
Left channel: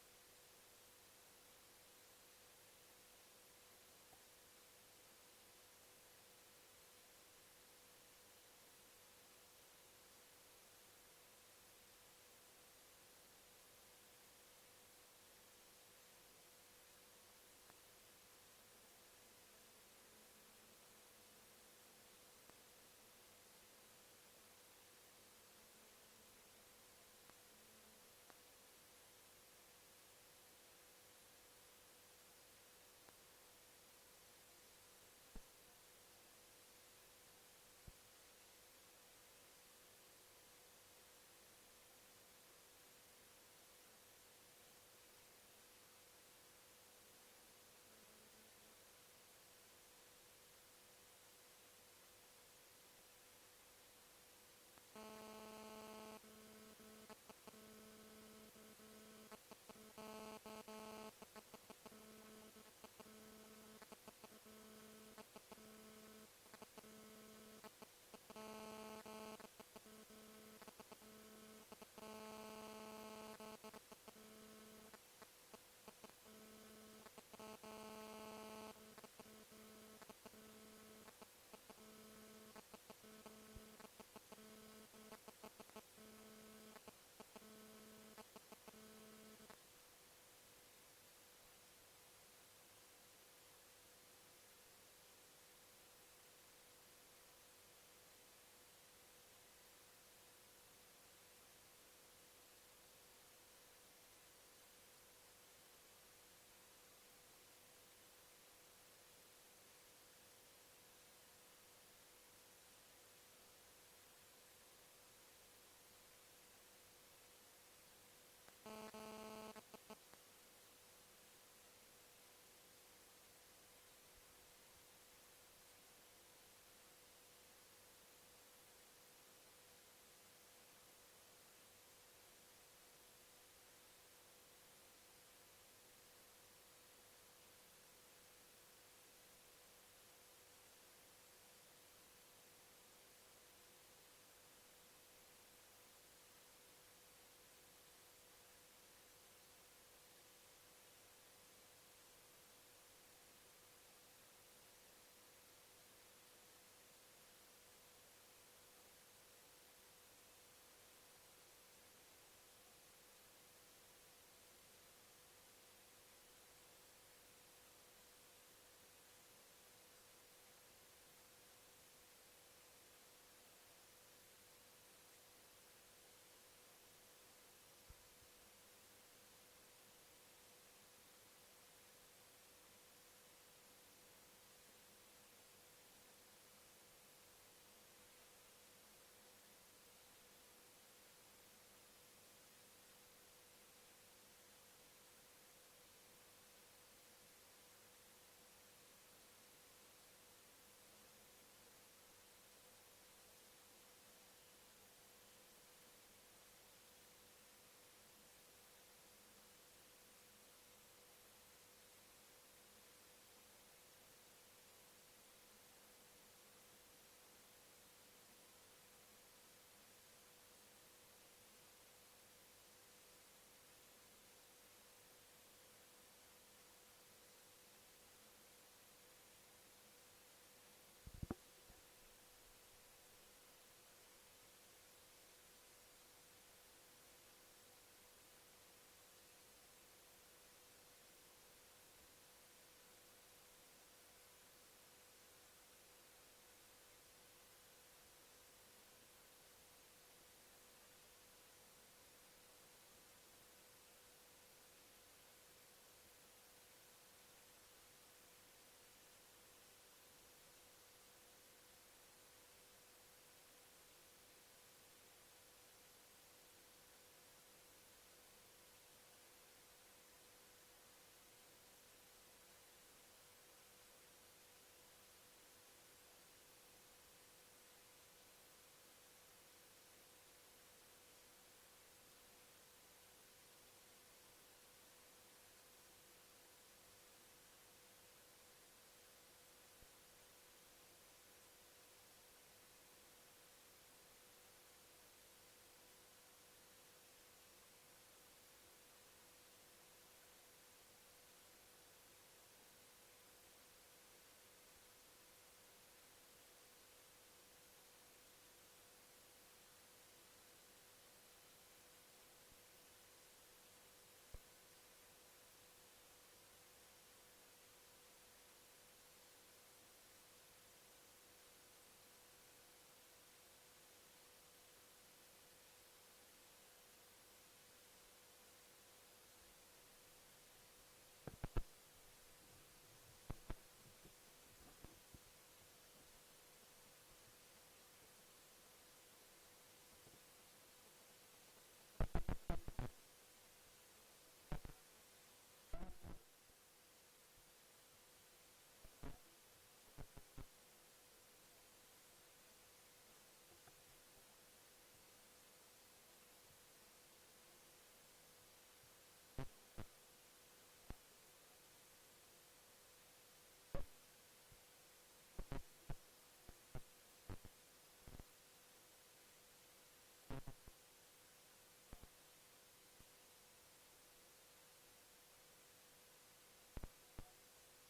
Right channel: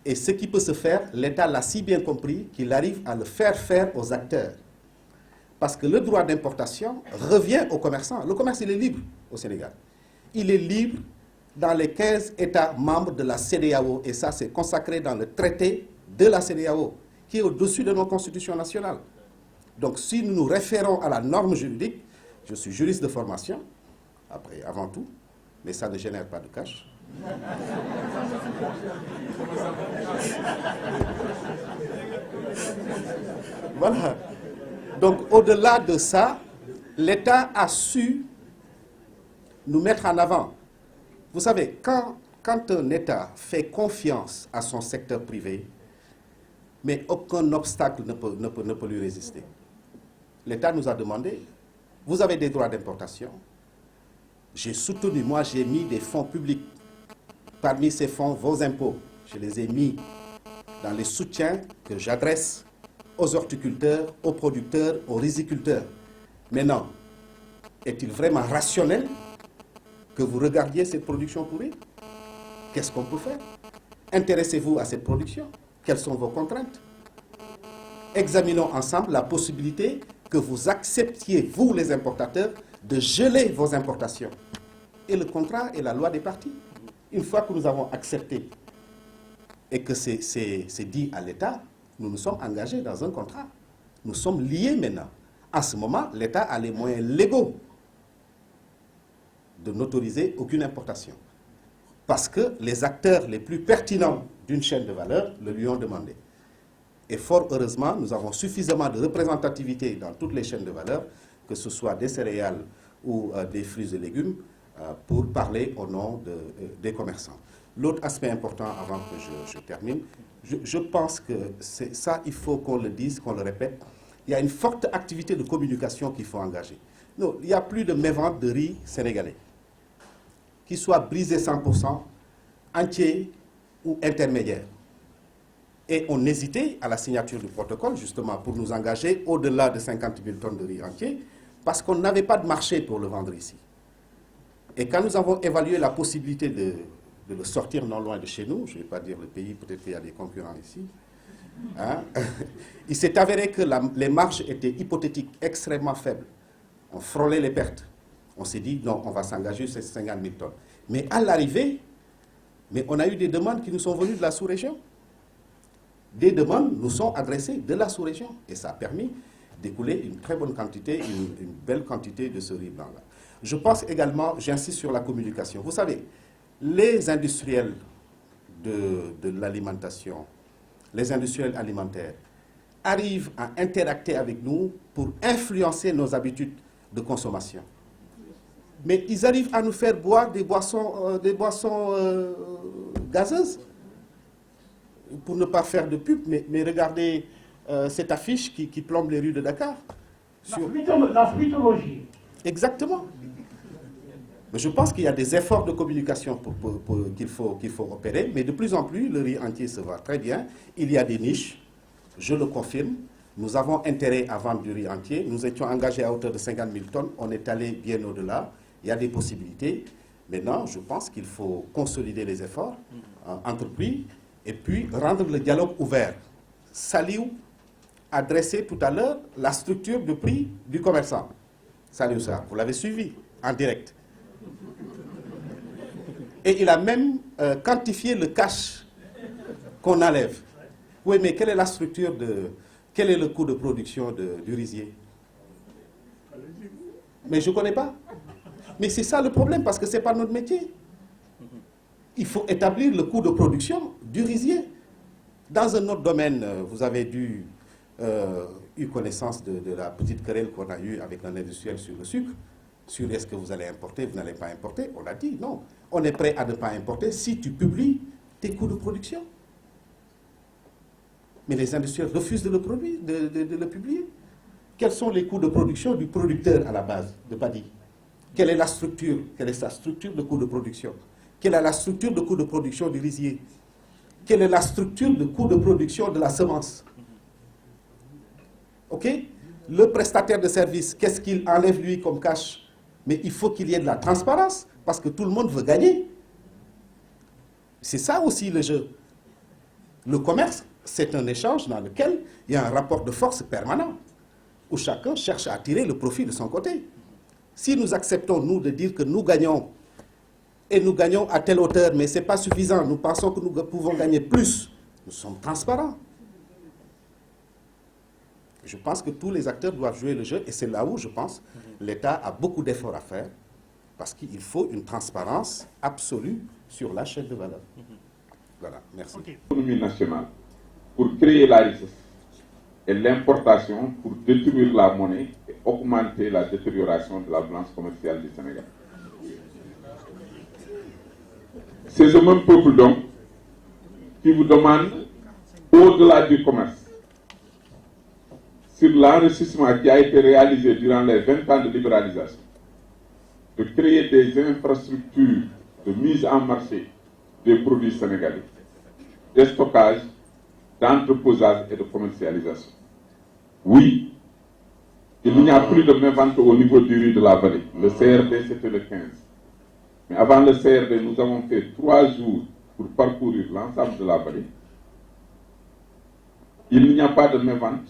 Et ce qui peut se faire, l'État l'a si bien compris qu'il arrive à le faire faire aux acteurs. Parce que le droit d'importation revient aux commerçants. Le commerce, il est libre au Sénégal. Il est libre dans les 15 États membres de la CEDEAO. Et ça, c'est consacré dans le traité de la CEDEAO, qui est au-dessus de nos constitutions nationales. Donc, si nous nous référons à la norme juridique, je suis juriste de formation, après, avant tout, mais ça ne génère pas de cash. Voilà. Donc, au-delà de ça, l'État a su nous mettre en avant. Vous savez, quand un État fait confiance à son secteur privé, mais aucun obstacle ne peut lui résister. L'État nous a demandé, vous avez des droits d'importation. J'ai soutenu, moi j'ai mis des fonds publics. Parmi ces fonds, vos impôts, je les ai mis dans les soutiens que j'adresse aux horticulteurs, aux producteurs, aux riziculteurs. Maintenant, est-il vraiment rationnel que vous regardiez cette production pourrie? Qu'est-ce qu'on peut faire? Intéressez-vous à cette production. Quelles sont vos contraintes? Examinons ensemble la possibilité que vous acceptiez, vous les importateurs, de geler vos importations. Et le contrat est la loi des parties. Une fois que nous avons accepté et que c'est dit à l'État, nous nous sommes engagés dans un contrat. Nous sommes liés maintenant. En ce moment, l'État a les moyens légaux de n'autoriser aucune importation. Parce que les acteurs les plus pertinents d'une chaîne de valeur le lui ont demandé. Et fort heureusement, nous avons suffisamment de représentativité dans toutes les chaînes de valeur, que ce soit des céréales ou des fruits et légumes, pour parler au nom des commerçants. L'autre aspect important, avant que je termine, je pense que c'est ça, il faut qu'on le dise, qu'on le répète. Il y a une forte activité de communication qu'il faut engager. Non, il n'y a plus de mévente de riz sénégalais, qu'il soit brisé 100%, entier ou intermédiaire. Et on hésitait à la signature du protocole, justement, pour nous engager au-delà de 50 000 tonnes de riz entier, parce qu'on n'avait pas de marché pour le vendre ici. Et quand nous avons évalué la possibilité de le sortir non loin de chez nous, je ne vais pas dire le pays, peut-être qu'il y a des concurrents ici, hein, il s'est avéré que les marges étaient hypothétiques, extrêmement faibles. On frôlait les pertes. On s'est dit, non, on va s'engager sur ces 50 000 tonnes. Mais à l'arrivée, on a eu des demandes qui nous sont venues de la sous-région. Des demandes nous sont adressées de la sous-région. Et ça a permis d'écouler une très bonne quantité, une belle quantité de ce riz blanc-là. Je pense également, j'insiste sur la communication. Vous savez, les industriels de l'alimentation, les industriels alimentaires, arrivent à interacter avec nous pour influencer nos habitudes de consommation. Mais ils arrivent à nous faire boire des boissons gazeuses. Pour ne pas faire de pub, mais regardez cette affiche qui plombe les rues de Dakar. La fruitologie. Exactement. Mais je pense qu'il y a des efforts de communication qu'il faut opérer, mais de plus en plus, le riz entier se vend très bien. Il y a des niches, je le confirme. Nous avons intérêt à vendre du riz entier. Nous étions engagés à hauteur de 50 000 tonnes. On est allé bien au-delà. Il y a des possibilités. Maintenant, je pense qu'il faut consolider les efforts entrepris et puis rendre le dialogue ouvert. Saliou a dressé tout à l'heure la structure de prix du commerçant. Saliou Sarr, vous l'avez suivi en direct. Et il a même quantifié le cash qu'on enlève. Oui, mais quelle est la structure quel est le coût de production du rizier? Mais je ne connais pas. Mais c'est ça le problème, parce que ce n'est pas notre métier. Il faut établir le coût de production du rizier. Dans un autre domaine, vous avez eu connaissance de la petite querelle qu'on a eue avec un industriel sur le sucre. Sur est-ce que vous allez importer, vous n'allez pas importer. On a dit non. On est prêt à ne pas importer si tu publies tes coûts de production. Mais les industriels refusent de le publier. Quels sont les coûts de production du producteur à la base de Paddy? Quelle est la structure? Quelle est sa structure de coût de production? Quelle est la structure de coût de production du rizier? Quelle est la structure de coût de production de la semence? OK? Le prestataire de service, qu'est-ce qu'il enlève lui comme cash? Mais il faut qu'il y ait de la transparence, parce que tout le monde veut gagner. C'est ça aussi le jeu. Le commerce, c'est un échange dans lequel il y a un rapport de force permanent, où chacun cherche à tirer le profit de son côté. Si nous acceptons, nous, de dire que nous gagnons, et nous gagnons à telle hauteur, mais ce n'est pas suffisant, nous pensons que nous pouvons gagner plus, nous sommes transparents. Je pense que tous les acteurs doivent jouer le jeu, et c'est là où, je pense, l'État a beaucoup d'efforts à faire, parce qu'il faut une transparence absolue sur la chaîne de valeur. Voilà, merci. L'économie nationale, pour créer la richesse, et l'importation pour détruire la monnaie et augmenter la détérioration de la balance commerciale du Sénégal. C'est ce même peuple donc qui vous demande, au-delà du commerce, sur l'enrichissement qui a été réalisé durant les 20 ans de libéralisation, de créer des infrastructures de mise en marché des produits sénégalais, de stockage, d'entreposage et de commercialisation. Oui, il n'y a plus de mévente au niveau du riz de la vallée. Le CRD, c'était le 15. Mais avant le CRD, nous avons fait 3 jours pour parcourir l'ensemble de la vallée. Il n'y a pas de mévente,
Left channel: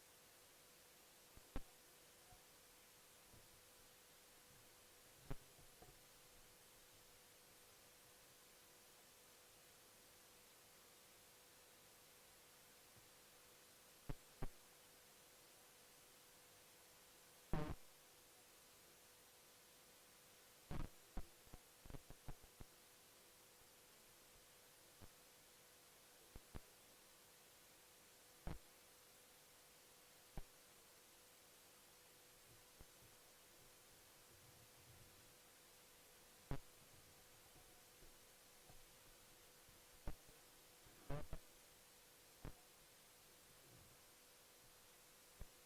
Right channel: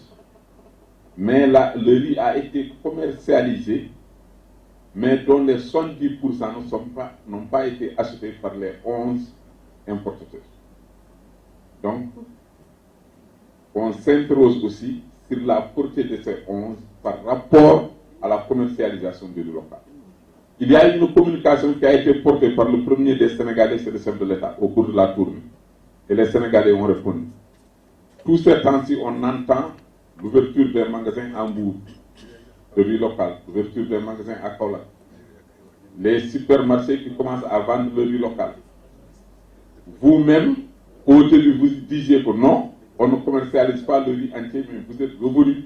mais le riz a été commercialisé, mais dont les 70% n'ont pas été achetés par les 11 importateurs. Donc, on s'interroge aussi sur la portée de ces 11 par rapport à la commercialisation du riz local. Il y a une communication qui a été portée par le premier des Sénégalais, c'est le chef de l'État, au cours de la tournée. Et les Sénégalais ont répondu. Tous ces temps-ci, on entend l'ouverture des magasins en Bourg, de riz local, l'ouverture des magasins à Kaolack, les supermarchés qui commencent à vendre le riz local. Vous-même, au début, vous disiez que non, on ne commercialise pas le riz entier, mais vous êtes revenu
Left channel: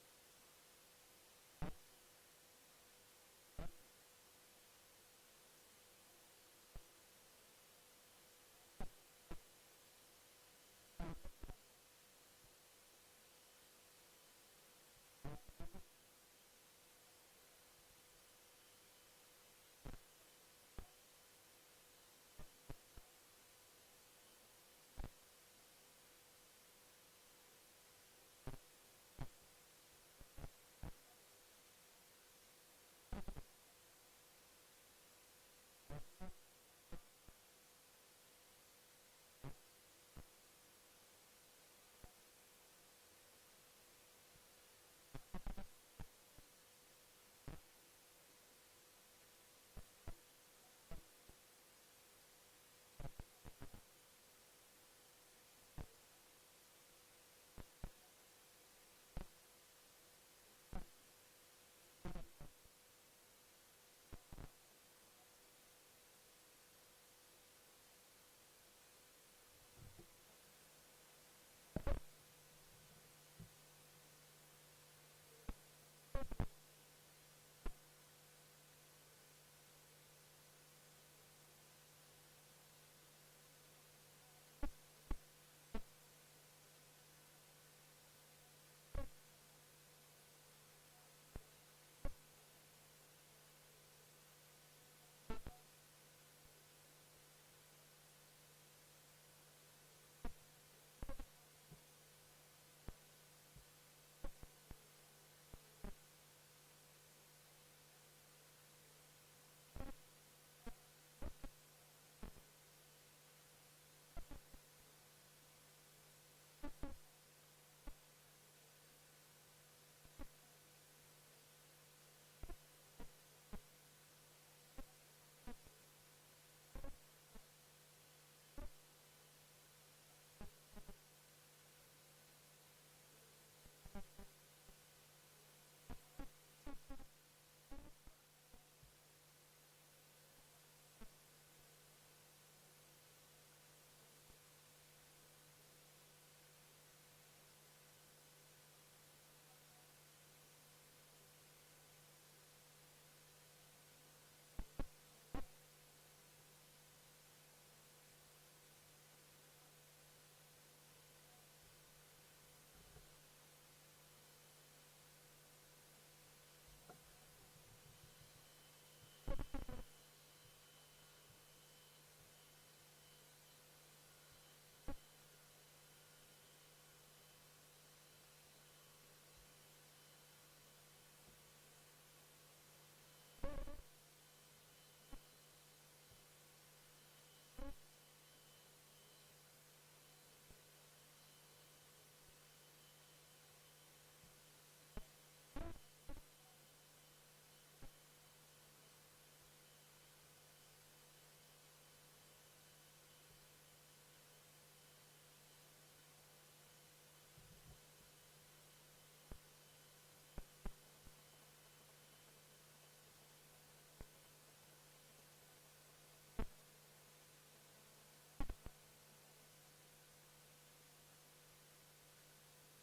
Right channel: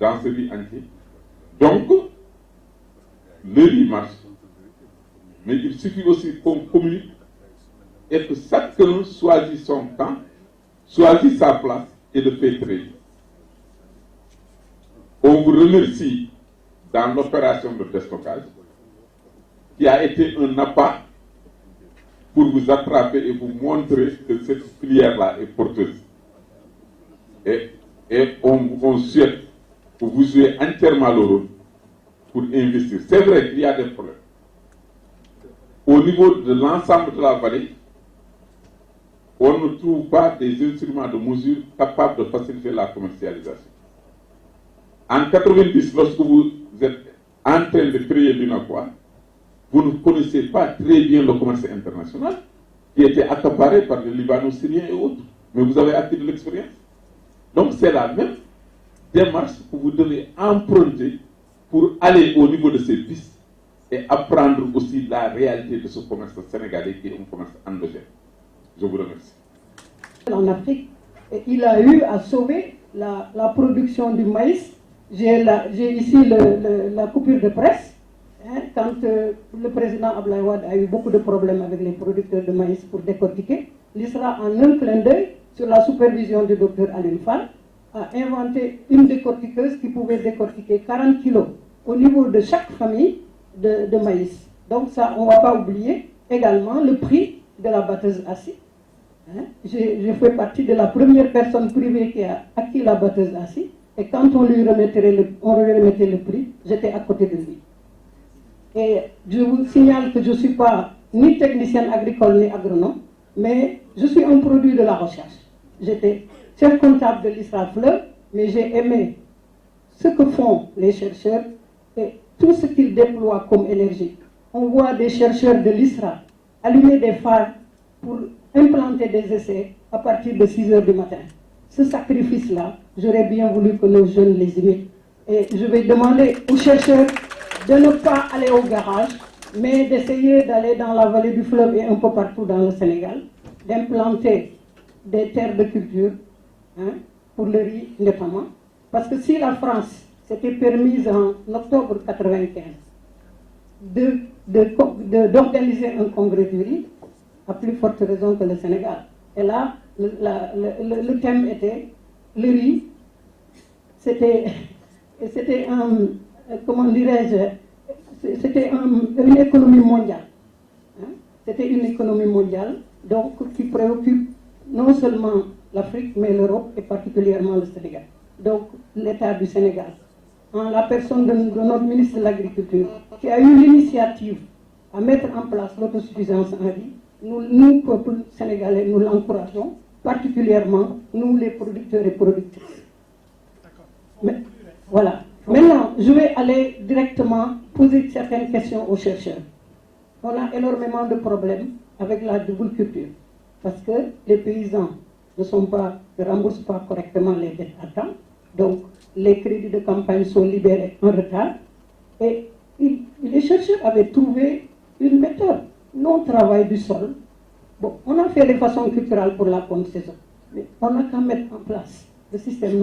dans ce riz entier. Donc, le riz marche. Mais il suffit aussi qu'on communique et que chacun choisit son temps, choisit sa place et le fait très bien. On vous remercie dans l'opération de déstockage qui a été un appât pour vous attraper et vous montrer que cette filière-là est porteuse. Et on souhaite que vous jouez entièrement le rôle pour investir. C'est vrai qu'il y a des problèmes. Au niveau de l'ensemble de la vallée, on ne trouve pas des instruments de mesure capables de faciliter la commercialisation. En 90, lorsque vous êtes en train de créer l'UNACOIS, vous ne connaissez pas très bien le commerce international qui était accaparé par les Libano-Syriens et autres. Mais vous avez acquis de l'expérience. Donc c'est la même démarche que vous devez emprunter pour aller au niveau de ces pistes et apprendre aussi la réalité de ce commerce sénégalais qui est un commerce endogène. Je vous remercie. En Afrique, il a eu à sauver la production du maïs. J'ai ici la coupure de presse. Quand le président Abdoulaye Wade a eu beaucoup de problèmes avec les producteurs de maïs pour décortiquer, l'ISRA, en un clin d'œil, sur la supervision du docteur Alioune Fall, a inventé une décortiqueuse qui pouvait décortiquer 40 kilos au niveau de chaque famille de maïs. Donc ça, on ne va pas oublier également le prix de la batteuse acide. Je fais partie de la première personne privée qui a acquis la batteuse acide, et quand on lui remettait le prix, j'étais à côté de lui. Et je vous signale que je ne suis pas ni technicienne agricole ni agronome, mais je suis un produit de la recherche. J'étais chef comptable de l'ISRA Fleuve, mais j'ai aimé ce que font les chercheurs et tout ce qu'ils déploient comme énergie. On voit des chercheurs de l'ISRA allumer des phares pour implanter des essais à partir de 6 heures du matin. Ce sacrifice-là, j'aurais bien voulu que nos jeunes les imitent. Et je vais demander aux chercheurs de ne pas aller au garage, mais d'essayer d'aller dans la vallée du fleuve et un peu partout dans le Sénégal, d'implanter des terres de culture, pour le riz notamment. Parce que si la France s'était permise en octobre 1995 d'organiser un congrès du riz, à plus forte raison que le Sénégal. Et là, le thème était le riz. C'était comment dirais-je, c'était une économie mondiale. C'était une économie mondiale, donc qui préoccupe non seulement l'Afrique, mais l'Europe et particulièrement le Sénégal. Donc l'État du Sénégal, en la personne de notre ministre de l'Agriculture, qui a eu l'initiative à mettre en place l'autosuffisance en riz, nous, peuple sénégalais, nous l'encourageons, particulièrement nous les producteurs et productrices. Mais, voilà. Maintenant, je vais aller directement poser certaines questions aux chercheurs. On a énormément de problèmes avec la double culture, parce que les paysans ne remboursent pas correctement les dettes à temps, donc les crédits de campagne sont libérés en retard, et les chercheurs avaient trouvé une méthode, non-travail du sol. Bon, on a fait les façons culturelles pour la bonne saison, mais on a qu'à mettre en place le système